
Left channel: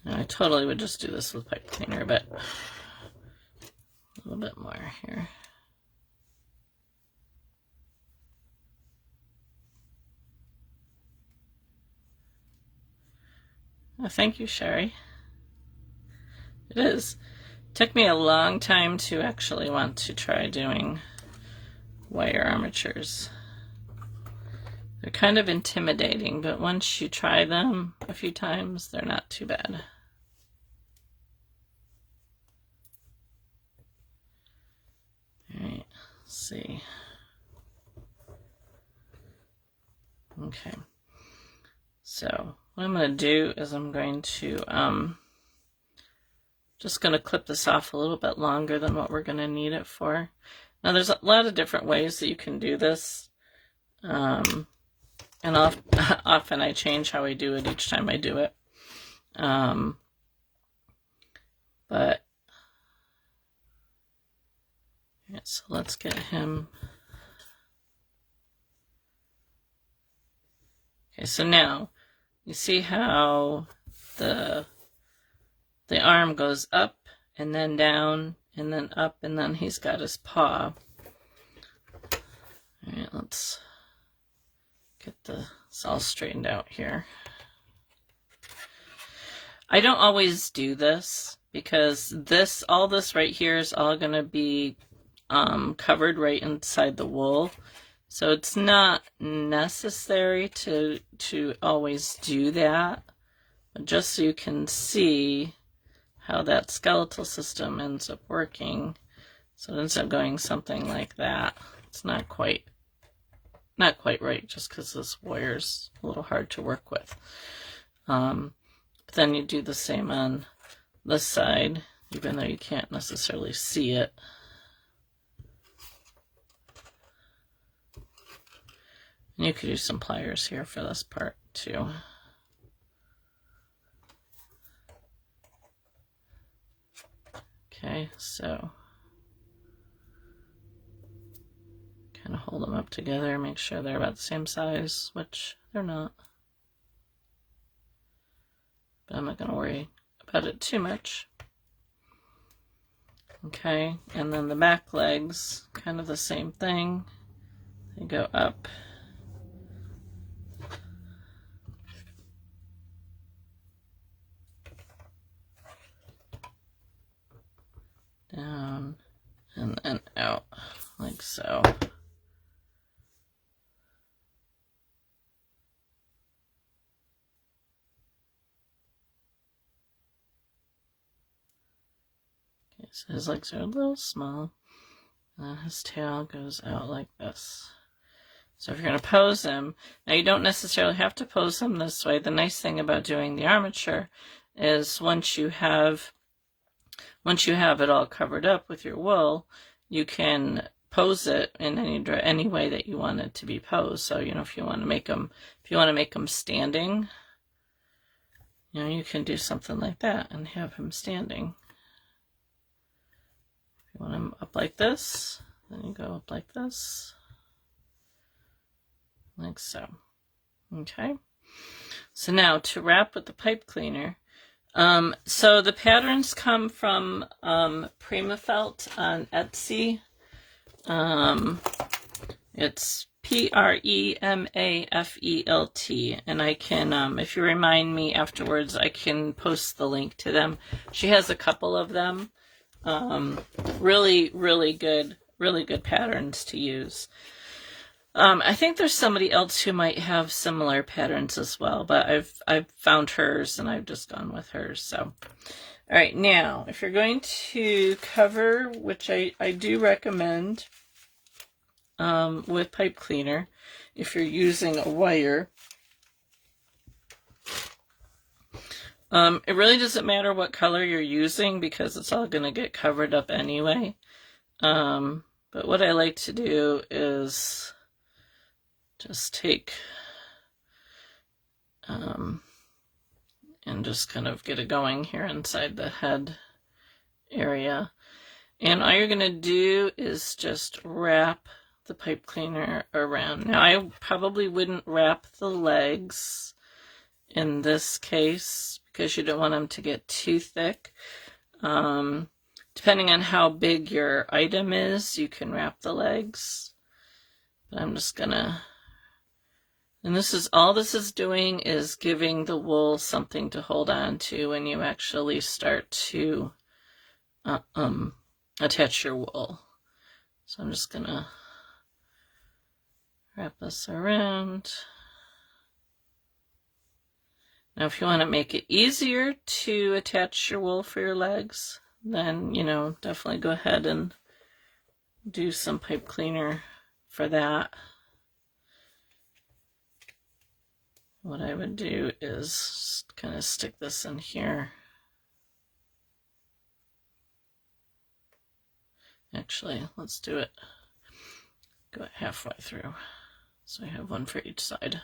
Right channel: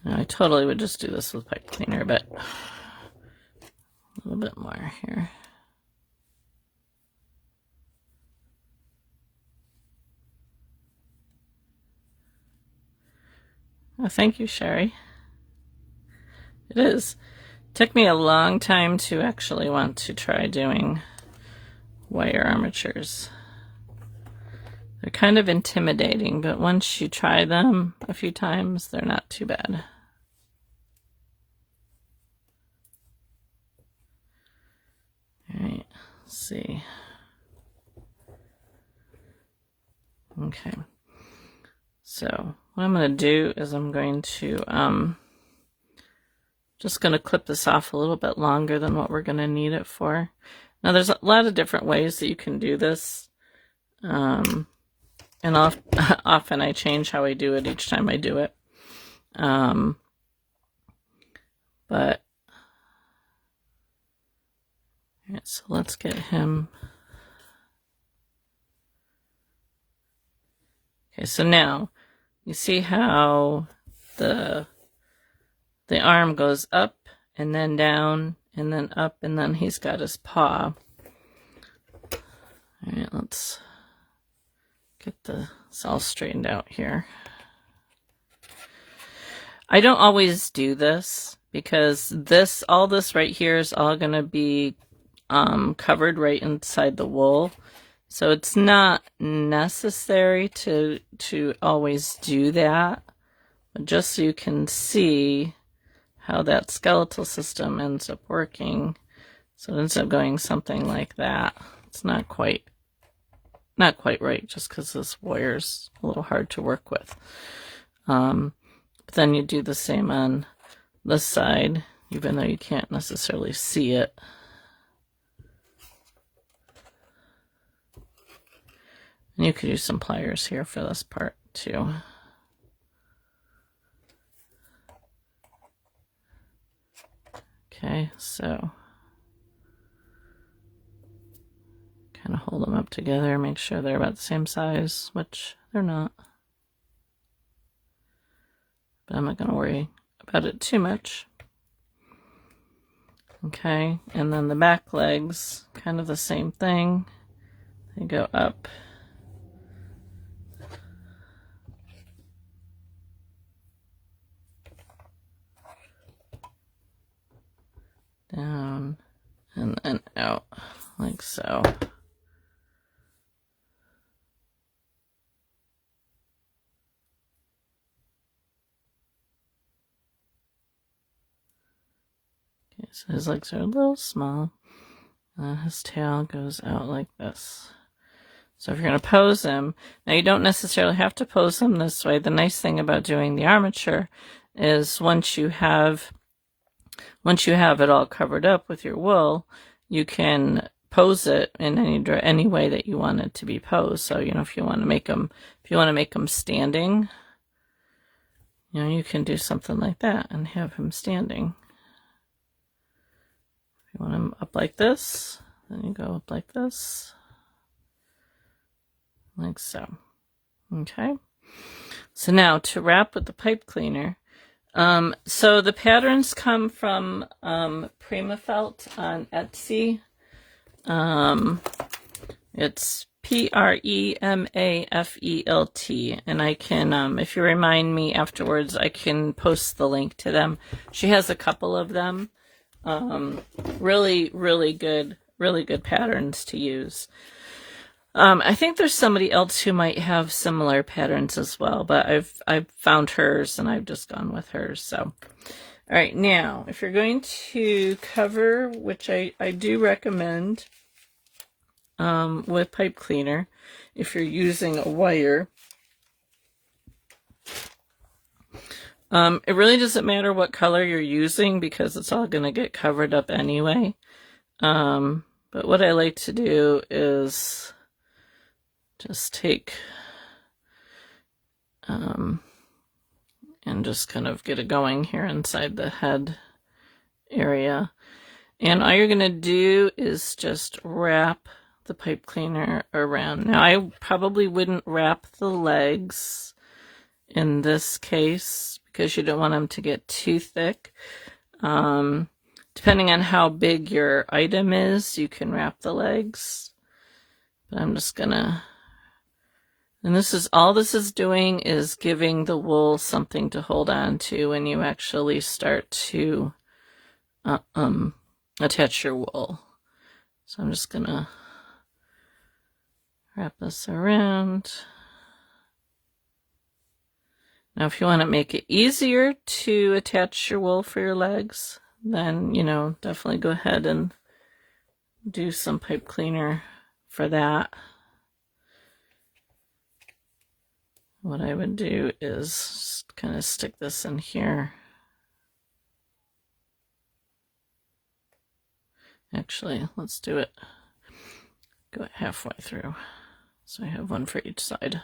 And I totally would just do this with pipe cleaner, but a little bit more here. Oh, thank you, Sherry. It is. It took me a long time to actually want to try doing wire armatures. They're kind of intimidating, but once you try them a few times, they're not too bad. All right, let's see. Okay. So what I'm going to do is I'm going to just going to clip this off a little bit longer than what we're going to need it for. Now there's a lot of different ways that you can do this, and often I change how I do it each time I do it. But all right, so let's get him. Okay, so now you see how the arm goes up and then down and then up, and then he's got his paw. right, let's get this all straightened out here. I don't always do this because all this right here is all going to be covered right inside the wool. So it's not necessary to always do that, but just so you can see how that skeletal system ends up working. So it ends up going something like that. It's not quite right just because this wire's a little hard to work with. But then you do the same on this side, even though you can't necessarily see it. And you could use some pliers here for this part too. Okay, so kind of hold them up together, make sure they're about the same size, which they're not. But I'm not going to worry about it too much. Okay, and then the back legs, kind of the same thing. They go up. Down and then out, like so. Okay, so his legs are a little small. His tail goes out like this. So if you're going to pose him, now you don't necessarily have to pose him this way. The nice thing about doing the armature is once you have it all covered up with your wool, you can pose it in any way that you want it to be posed. So, you know, if you want to make them standing, you know, you can do something like that and have him standing. If you want him up like this, then you go up like this, like so. Okay. So now to wrap with the pipe cleaner. So the patterns come from Primaelt on Etsy. It's Premafelt, and I can, if you remind me afterwards, I can post the link to them. She has a couple of them. Really good patterns to use. I think there's somebody else who might have similar patterns as well, but I've found hers and I've just gone with hers. So, all right, now if you're going to cover, which I do recommend with pipe cleaner, if you're using a wire, it really doesn't matter what color you're using because it's all going to get covered up anyway. But what I like to do is just take and just kind of get it going here inside the head area. And all you're going to do is just wrap the pipe cleaner around. Now, I probably wouldn't wrap the legs in this case because you don't want them to get too thick. Depending on how big your item is, you can wrap the legs. But I'm just going to... And all this is doing is giving the wool something to hold on to when you actually start to attach your wool. So I'm just going to wrap this around. Now, if you want to make it easier to attach your wool for your legs, then, you know, definitely go ahead and do some pipe cleaner for that. What I would do is kind of stick this in here. Actually, let's do it. Go it halfway through. So I have one for each side.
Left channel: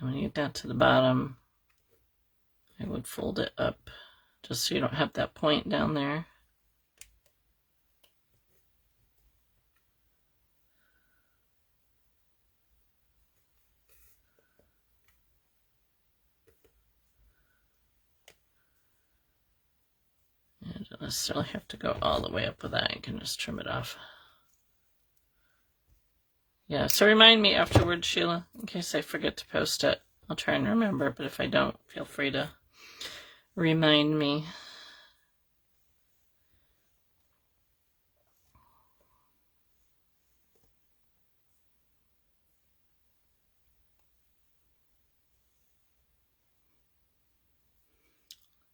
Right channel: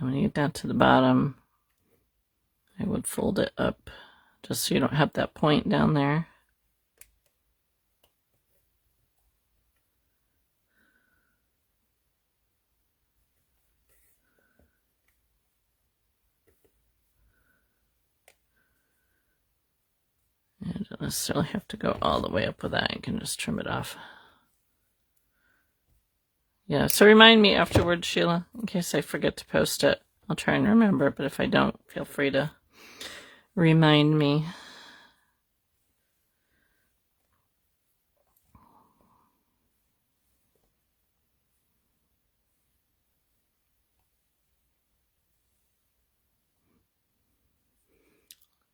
I'm going to get down to the bottom. I would fold it up just so you don't have that point down there. necessarily have to go all the way up with that. You can just trim it off. Yeah, so remind me afterwards, Sheila, in case I forget to post it. I'll try and remember, but if I don't, feel free to remind me.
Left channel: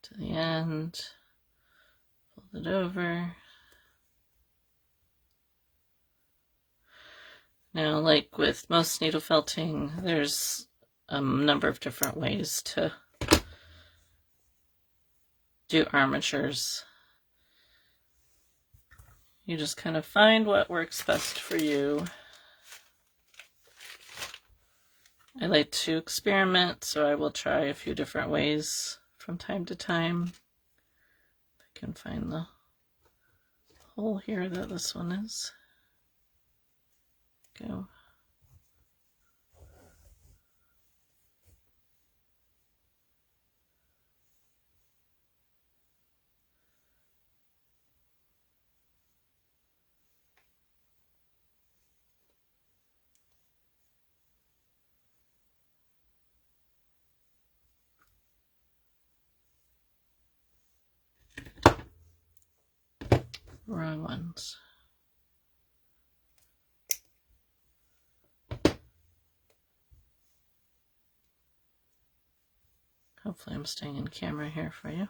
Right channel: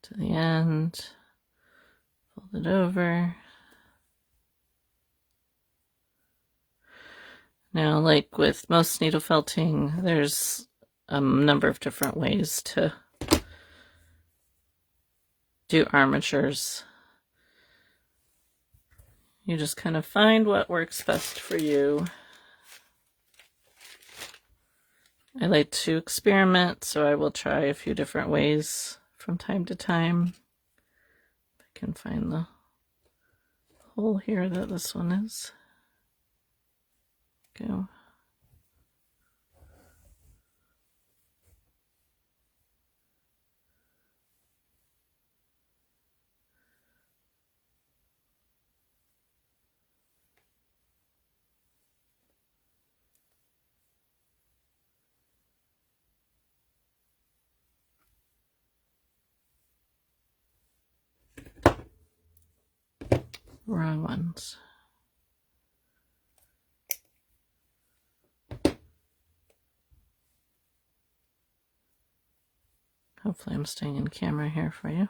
To the end, fold it over. Now, like with most needle felting, there's a number of different ways to do armatures. You just kind of find what works best for you. I like to experiment, so I will try a few different ways from time to time. If I can find the hole here that this one is. Go. Wrong ones. Hopefully I'm staying in camera here for you.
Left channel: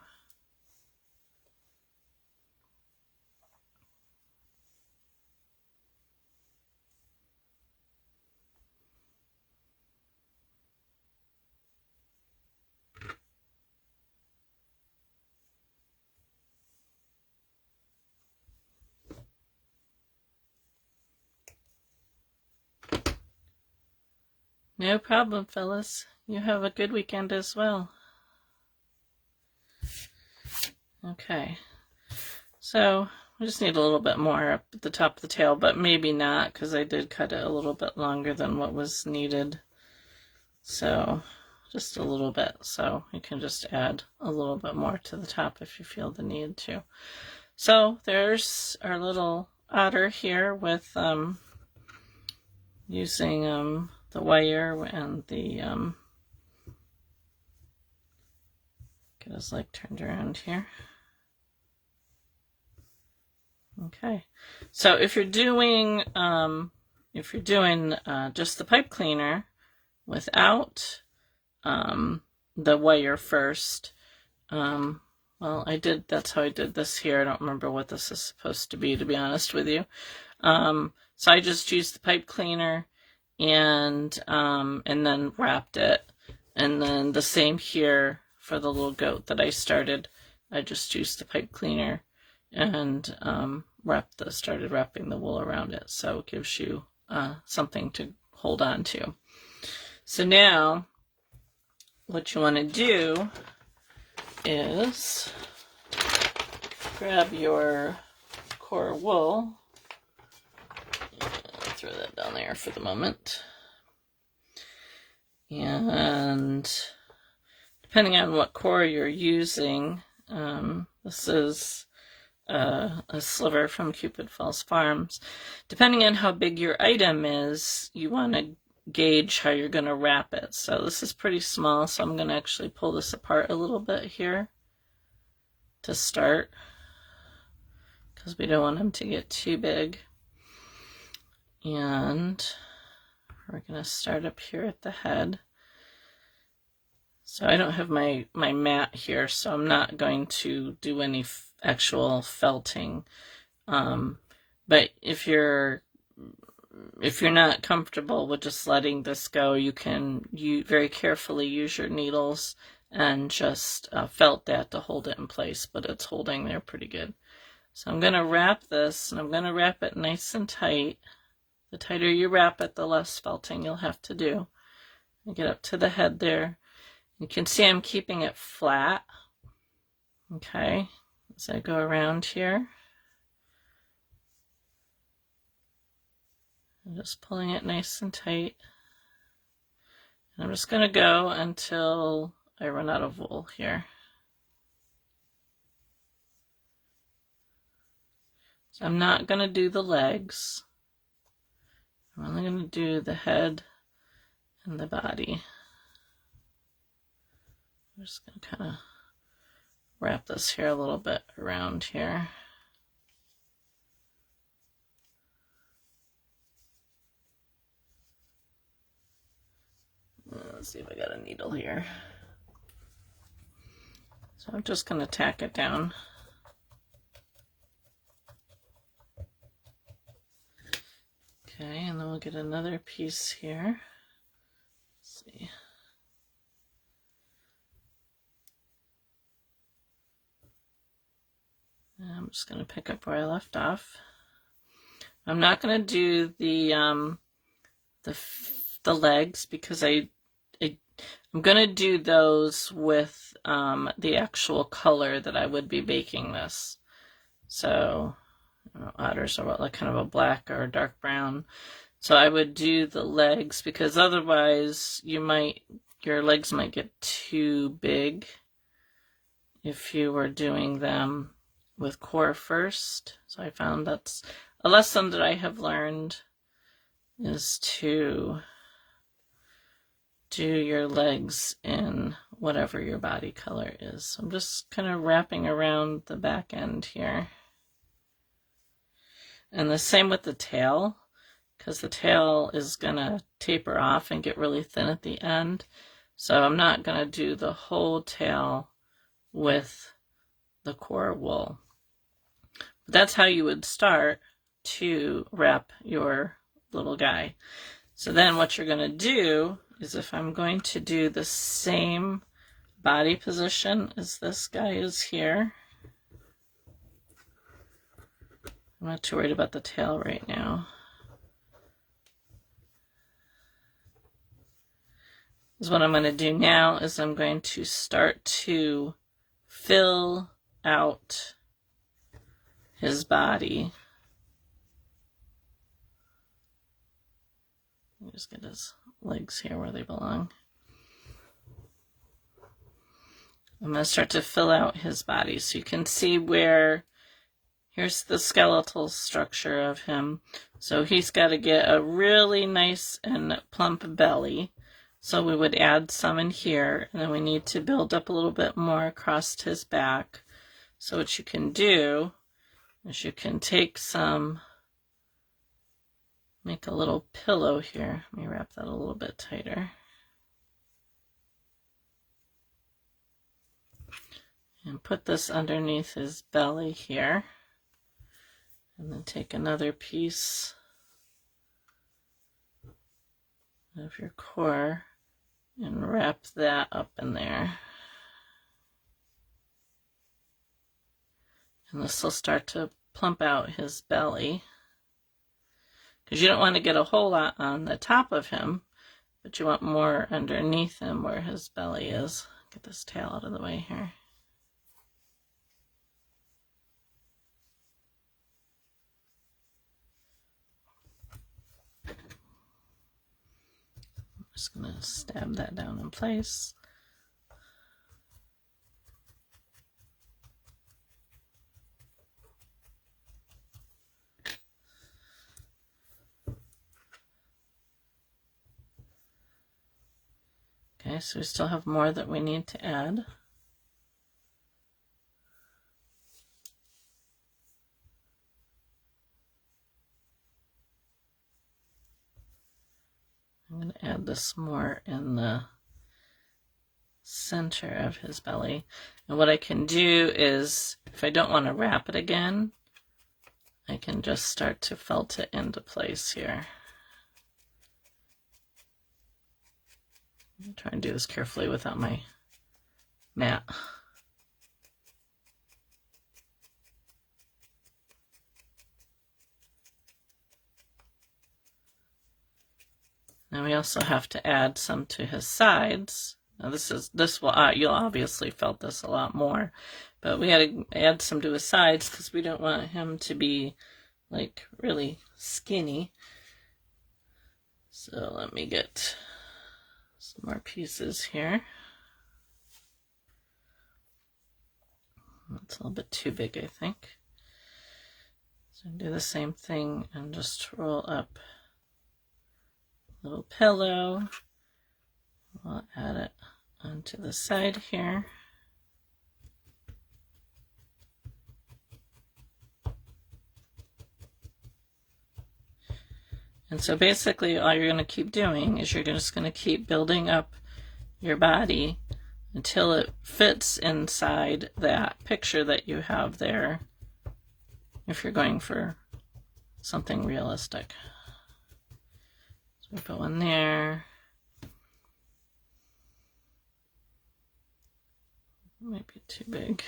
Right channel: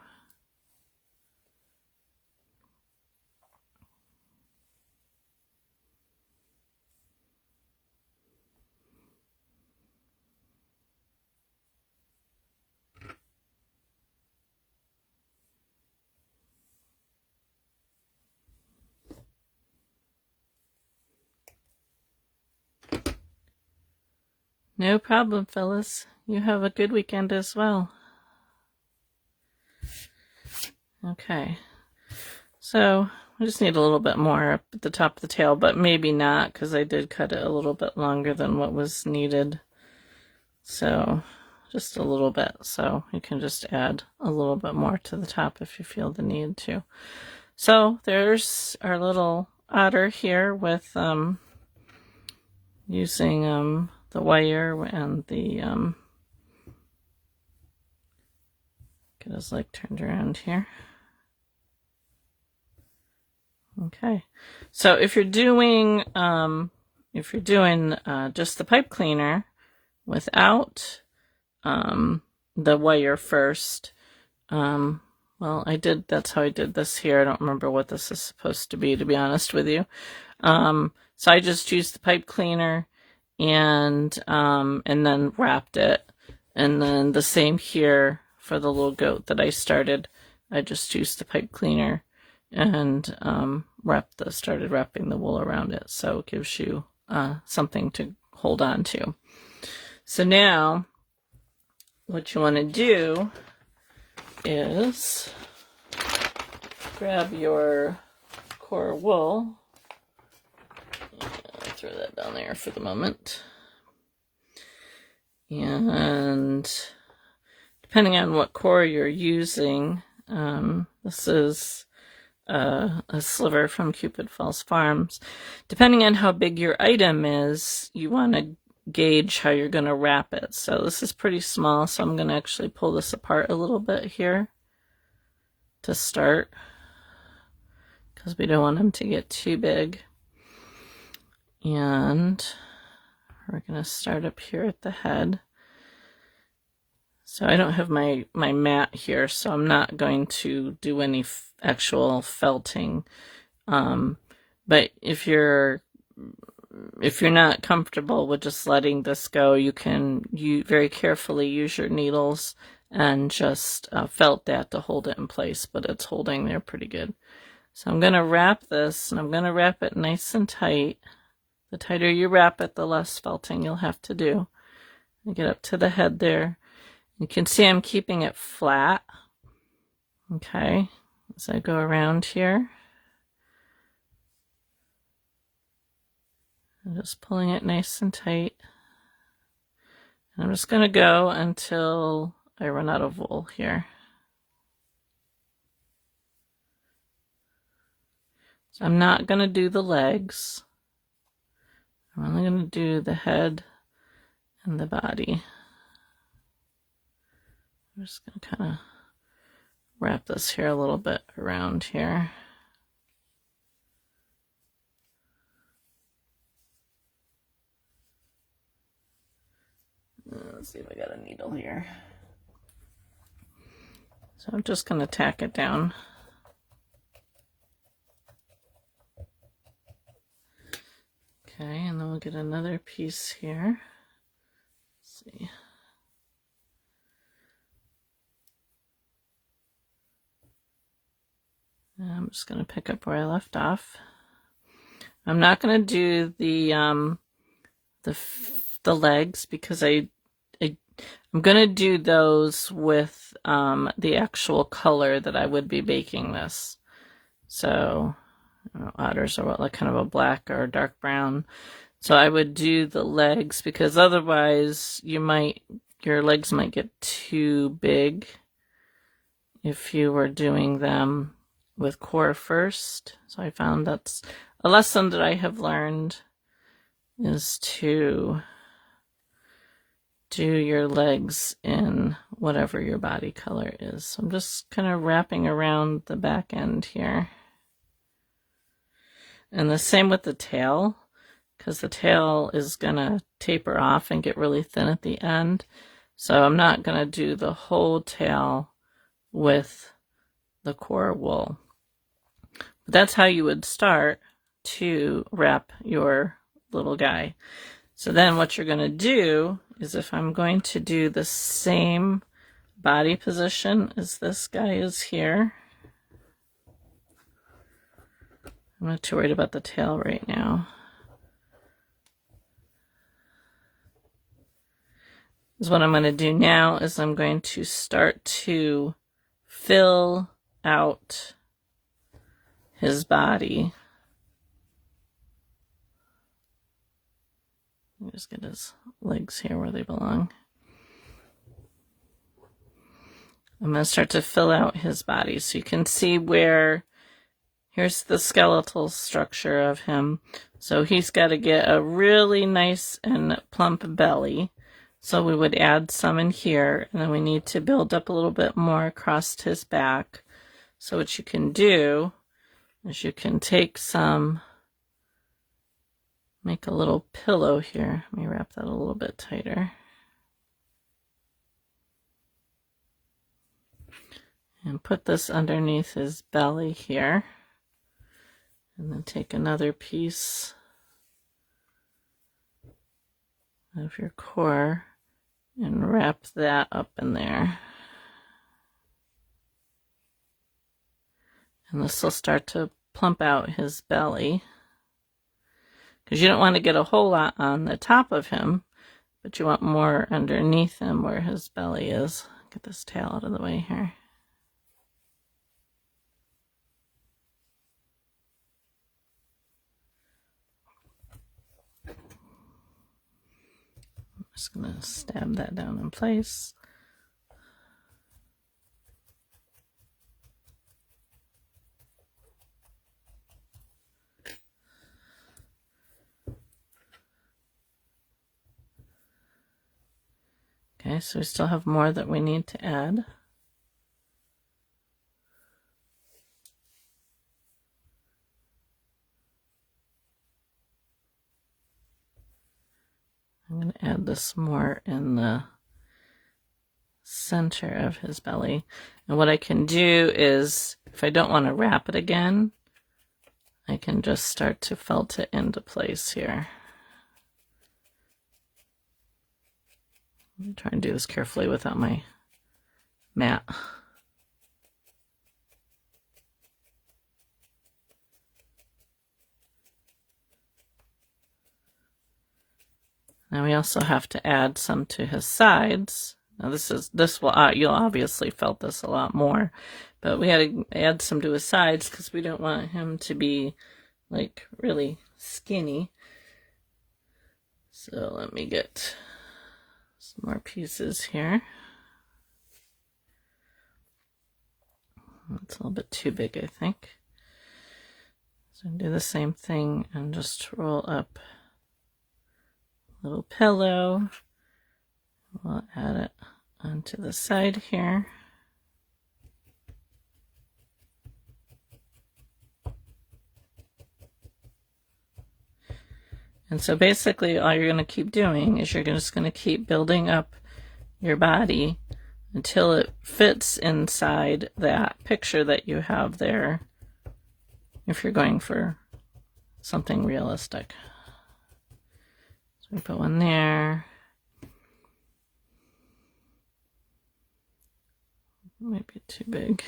No problem, fellas. You have a good weekend as well. Okay. So I just need a little bit more up at the top of the tail, but maybe not, because I did cut it a little bit longer than what was needed. So just a little bit. So you can just add a little bit more to the top if you feel the need to. So there's our little otter here with using the wire and the get his leg turned around here. Okay, so if you're doing just the pipe cleaner without the wire first, well, that's how I did this here. I don't remember what this is supposed to be honest with you. So I just used the pipe cleaner and then wrapped it, and then the same here for the little goat that I started. I just used the pipe cleaner and started wrapping the wool around it, so it gives you something to hold on to. So now what you want to do is grab your core wool. I'll throw that down there for the moment. And depending on what core you're using, this is a sliver from Cupid Falls Farms. Depending on how big your item is, you want to gauge how you're going to wrap it. So this is pretty small, so I'm going to actually pull this apart a little bit here to start, because we don't want them to get too big. And we're going to start up here at the head. So I don't have my mat here, so I'm not going to do any actual felting. But if you're not comfortable with just letting this go, you can very carefully use your needles and just felt that to hold it in place, but it's holding there pretty good. So I'm going to wrap this, and I'm going to wrap it nice and tight. The tighter you wrap it, the less felting you'll have to do. I get up to the head there. You can see I'm keeping it flat. Okay, as I go around here. I'm just pulling it nice and tight. And I'm just going to go until I run out of wool here. So I'm not going to do the legs. I'm only going to do the head and the body. I'm just going to kind of wrap this here a little bit around here. Let's see if I got a needle here. So I'm just going to tack it down. Okay, and then we'll get another piece here. Let's see. And I'm just going to pick up where I left off. I'm not going to do the legs because I'm going to do those with the actual color that I would be baking this. So otters are what, like kind of a black or a dark brown. So I would do the legs because otherwise your legs might get too big if you were doing them with core first. So I found that's a lesson that I have learned, is to do your legs in whatever your body color is. So I'm just kind of wrapping around the back end here. And the same with the tail, because the tail is going to taper off and get really thin at the end. So I'm not going to do the whole tail with the core wool. But that's how you would start to wrap your little guy. So then what you're going to do is, if I'm going to do the same body position as this guy is here, I'm not too worried about the tail right now. Is what I'm going to do now is I'm going to start to fill out his body. Let me just get his legs here where they belong. I'm going to start to fill out his body so you can see where, here's the skeletal structure of him. So he's got to get a really nice and plump belly. So we would add some in here, and then we need to build up a little bit more across his back. So what you can do is you can take some, make a little pillow here. Let me wrap that a little bit tighter. And put this underneath his belly here. And then take another piece of your core and wrap that up in there. And this will start to plump out his belly, because you don't want to get a whole lot on the top of him, but you want more underneath him where his belly is. Get this tail out of the way here. I'm just going to stab that down in place. Okay, so we still have more that we need to add. I'm going to add this more in the center of his belly. And what I can do is, if I don't want to wrap it again, I can just start to felt it into place here. I'm trying to do this carefully without my mat. Now we also have to add some to his sides. Now this will you'll obviously felt this a lot more, but we had to add some to his sides because we don't want him to be like really skinny. So let me get some more pieces here. That's a little bit too big, I think. So do the same thing and just roll up a little pillow. We'll add it onto the side here. And so basically all you're going to keep doing is you're just going to keep building up your body until it fits inside that picture that you have there, if you're going for something realistic. So go in there. Might be too big.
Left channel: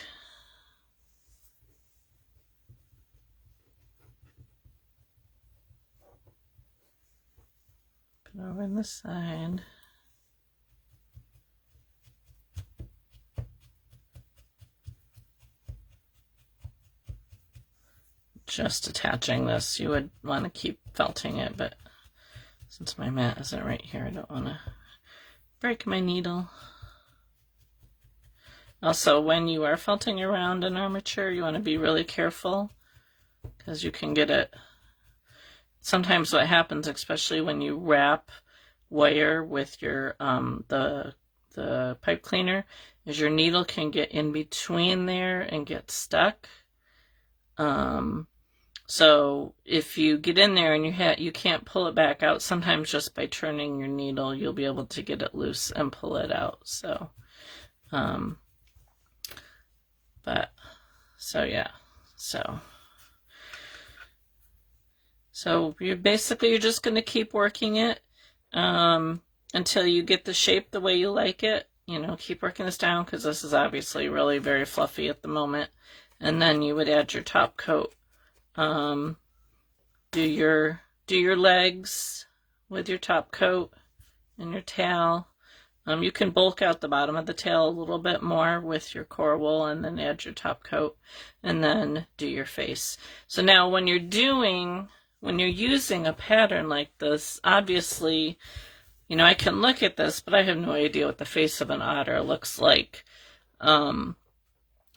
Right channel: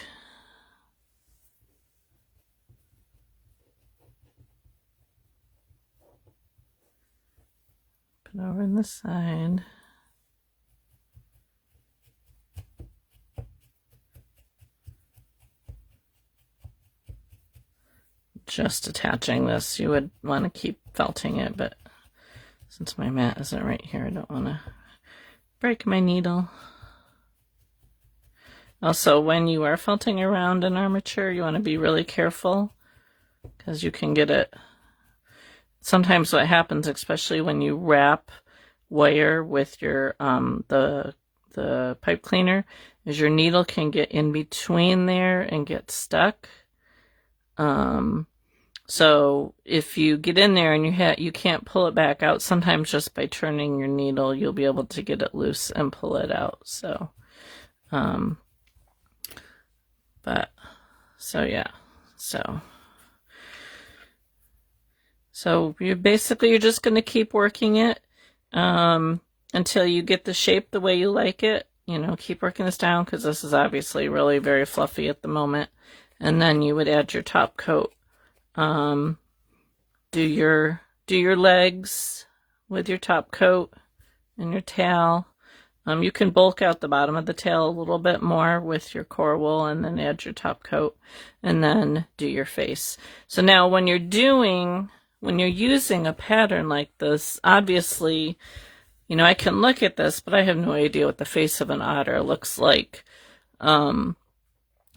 Put it over on the side. Just attaching this. You would want to keep felting it, but since my mat isn't right here, I don't want to break my needle. Also, when you are felting around an armature, you want to be really careful because you can get it. Sometimes what happens, especially when you wrap wire with your the pipe cleaner, is your needle can get in between there and get stuck. So if you get in there and you can't pull it back out, sometimes just by turning your needle, you'll be able to get it loose and pull it out. So, So you're just going to keep working it until you get the shape the way you like it. You know, keep working this down because this is obviously really very fluffy at the moment. And then you would add your top coat. Do your legs with your top coat and your tail. You can bulk out the bottom of the tail a little bit more with your core wool and then add your top coat and then do your face. So now when you're using a pattern like this, obviously, you know, I can look at this, but I have no idea what the face of an otter looks like.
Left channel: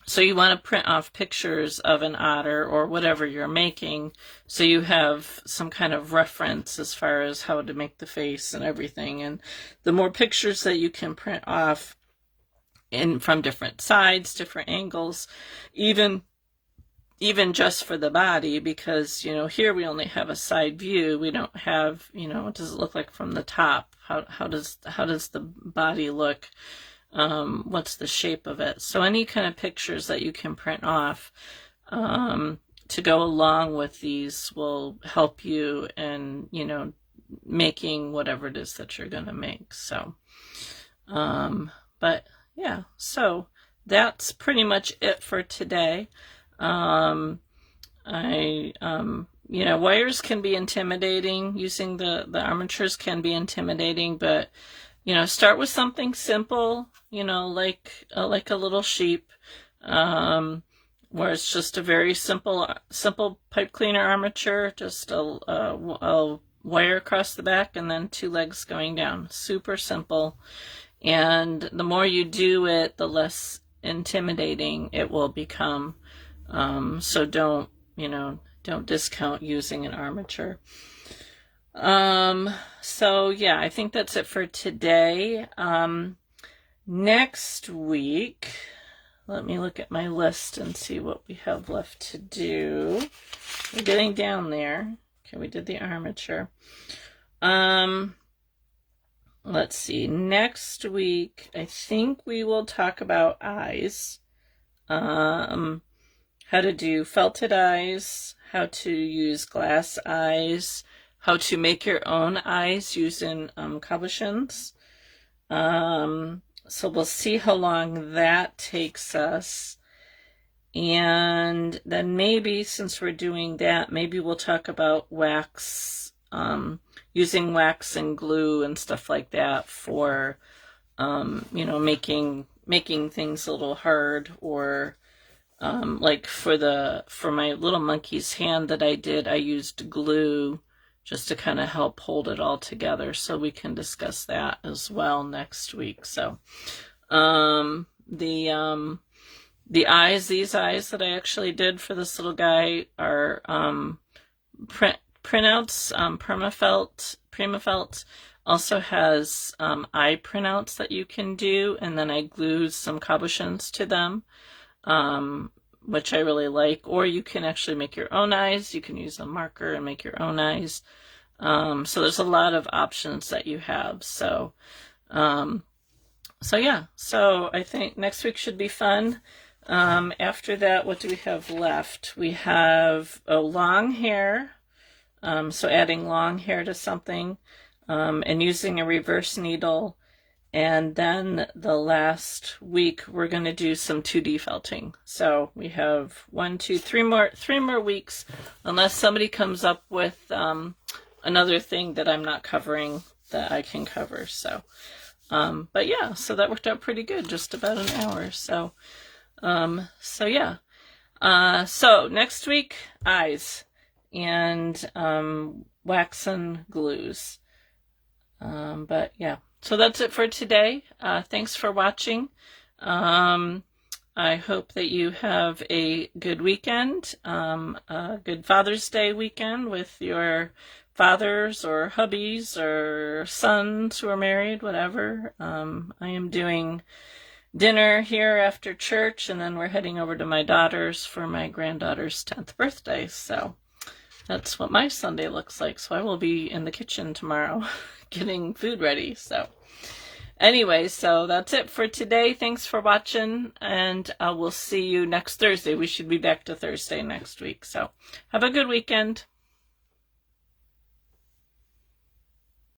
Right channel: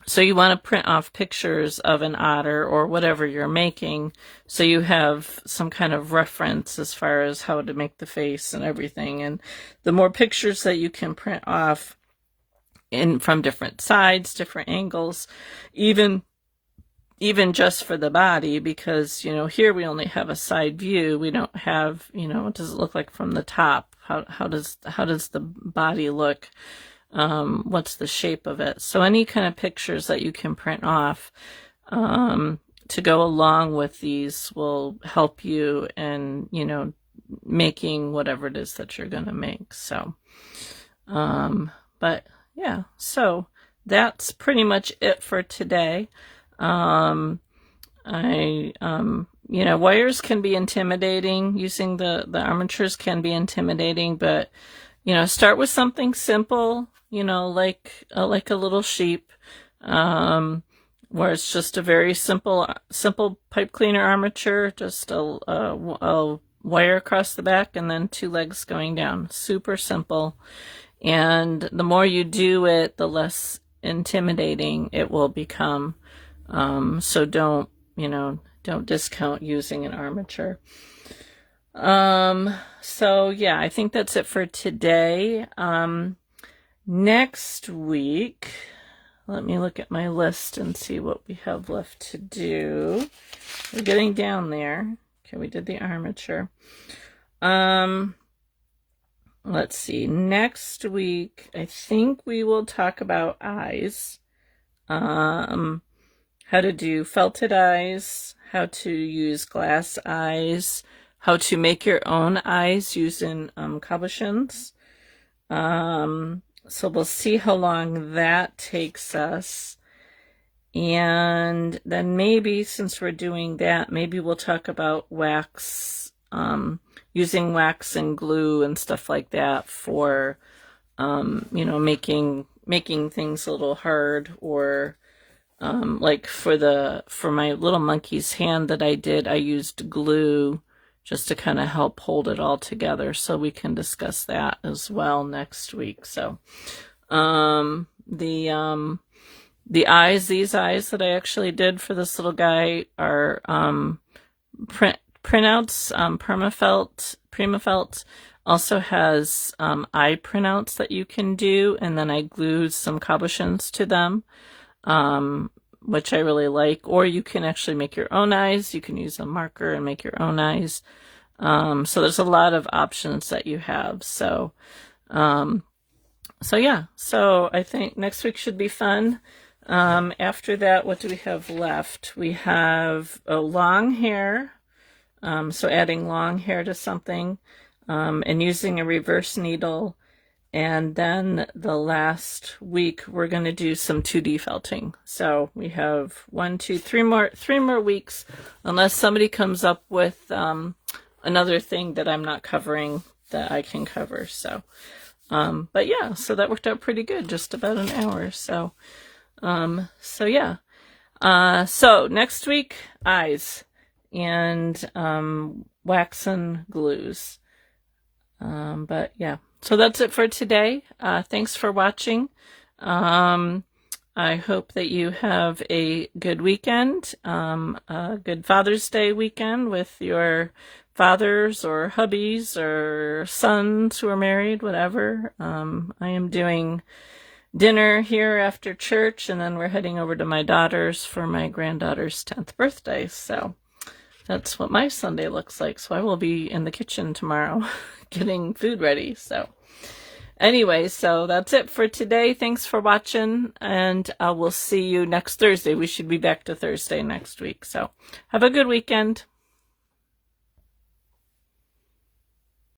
So you want to print off pictures of an otter or whatever you're making so you have some kind of reference as far as how to make the face and everything. And the more pictures that you can print off from different sides, different angles, even just for the body, because, you know, here we only have a side view. We don't have, you know, what does it look like from the top? How does the body look? What's the shape of it? So any kind of pictures that you can print off to go along with these will help you in, you know, making whatever it is that you're going to make. So, but yeah, so that's pretty much it for today. You know, wires can be intimidating. Using the armatures can be intimidating, but, you know, start with something simple, you know, like a little sheep, where it's just a very simple pipe cleaner armature, just a wire across the back and then 2 legs going down. Super simple. And the more you do it, the less intimidating it will become. So don't discount using an armature. So yeah, I think that's it for today. Next week, let me look at my list and see what we have left to do. We're getting down there. Okay, we did the armature. Let's see. Next week, I think we will talk about eyes. How to do felted eyes, how to use glass eyes, how to make your own eyes using cabochons. So we'll see how long that takes us. And then maybe, since we're doing that, maybe we'll talk about wax, using wax and glue and stuff like that for, you know, making things a little hard, or like for my little monkey's hand that I did, I used glue just to kind of help hold it all together. So we can discuss that as well next week. So The eyes, these eyes that I actually did for this little guy are printouts. Primaelt also has eye printouts that you can do, and then I glued some cabochons to them, which I really like. Or you can actually make your own eyes. You can use a marker and make your own eyes. So there's a lot of options that you have. So yeah, so I think next week should be fun. After that, what do we have left? We have a long hair. So adding long hair to something, and using a reverse needle. And then the last week, we're going to do some 2D felting. So we have 3 more weeks, unless somebody comes up with another thing that I'm not covering that I can cover. So, but yeah, so that worked out pretty good, just about an hour. So, yeah. So next week, eyes and wax and glues. But yeah, so that's it for today. Thanks for watching. I hope that you have a good weekend, a good Father's Day weekend with your fathers or hubbies or sons who are married, whatever. I am doing dinner here after church, and then we're heading over to my daughter's for my granddaughter's 10th birthday. So that's what my Sunday looks like. So I will be in the kitchen tomorrow getting food ready. So anyway, so that's it for today. Thanks for watching, and I will see you next Thursday. We should be back to Thursday next week. So have a good weekend.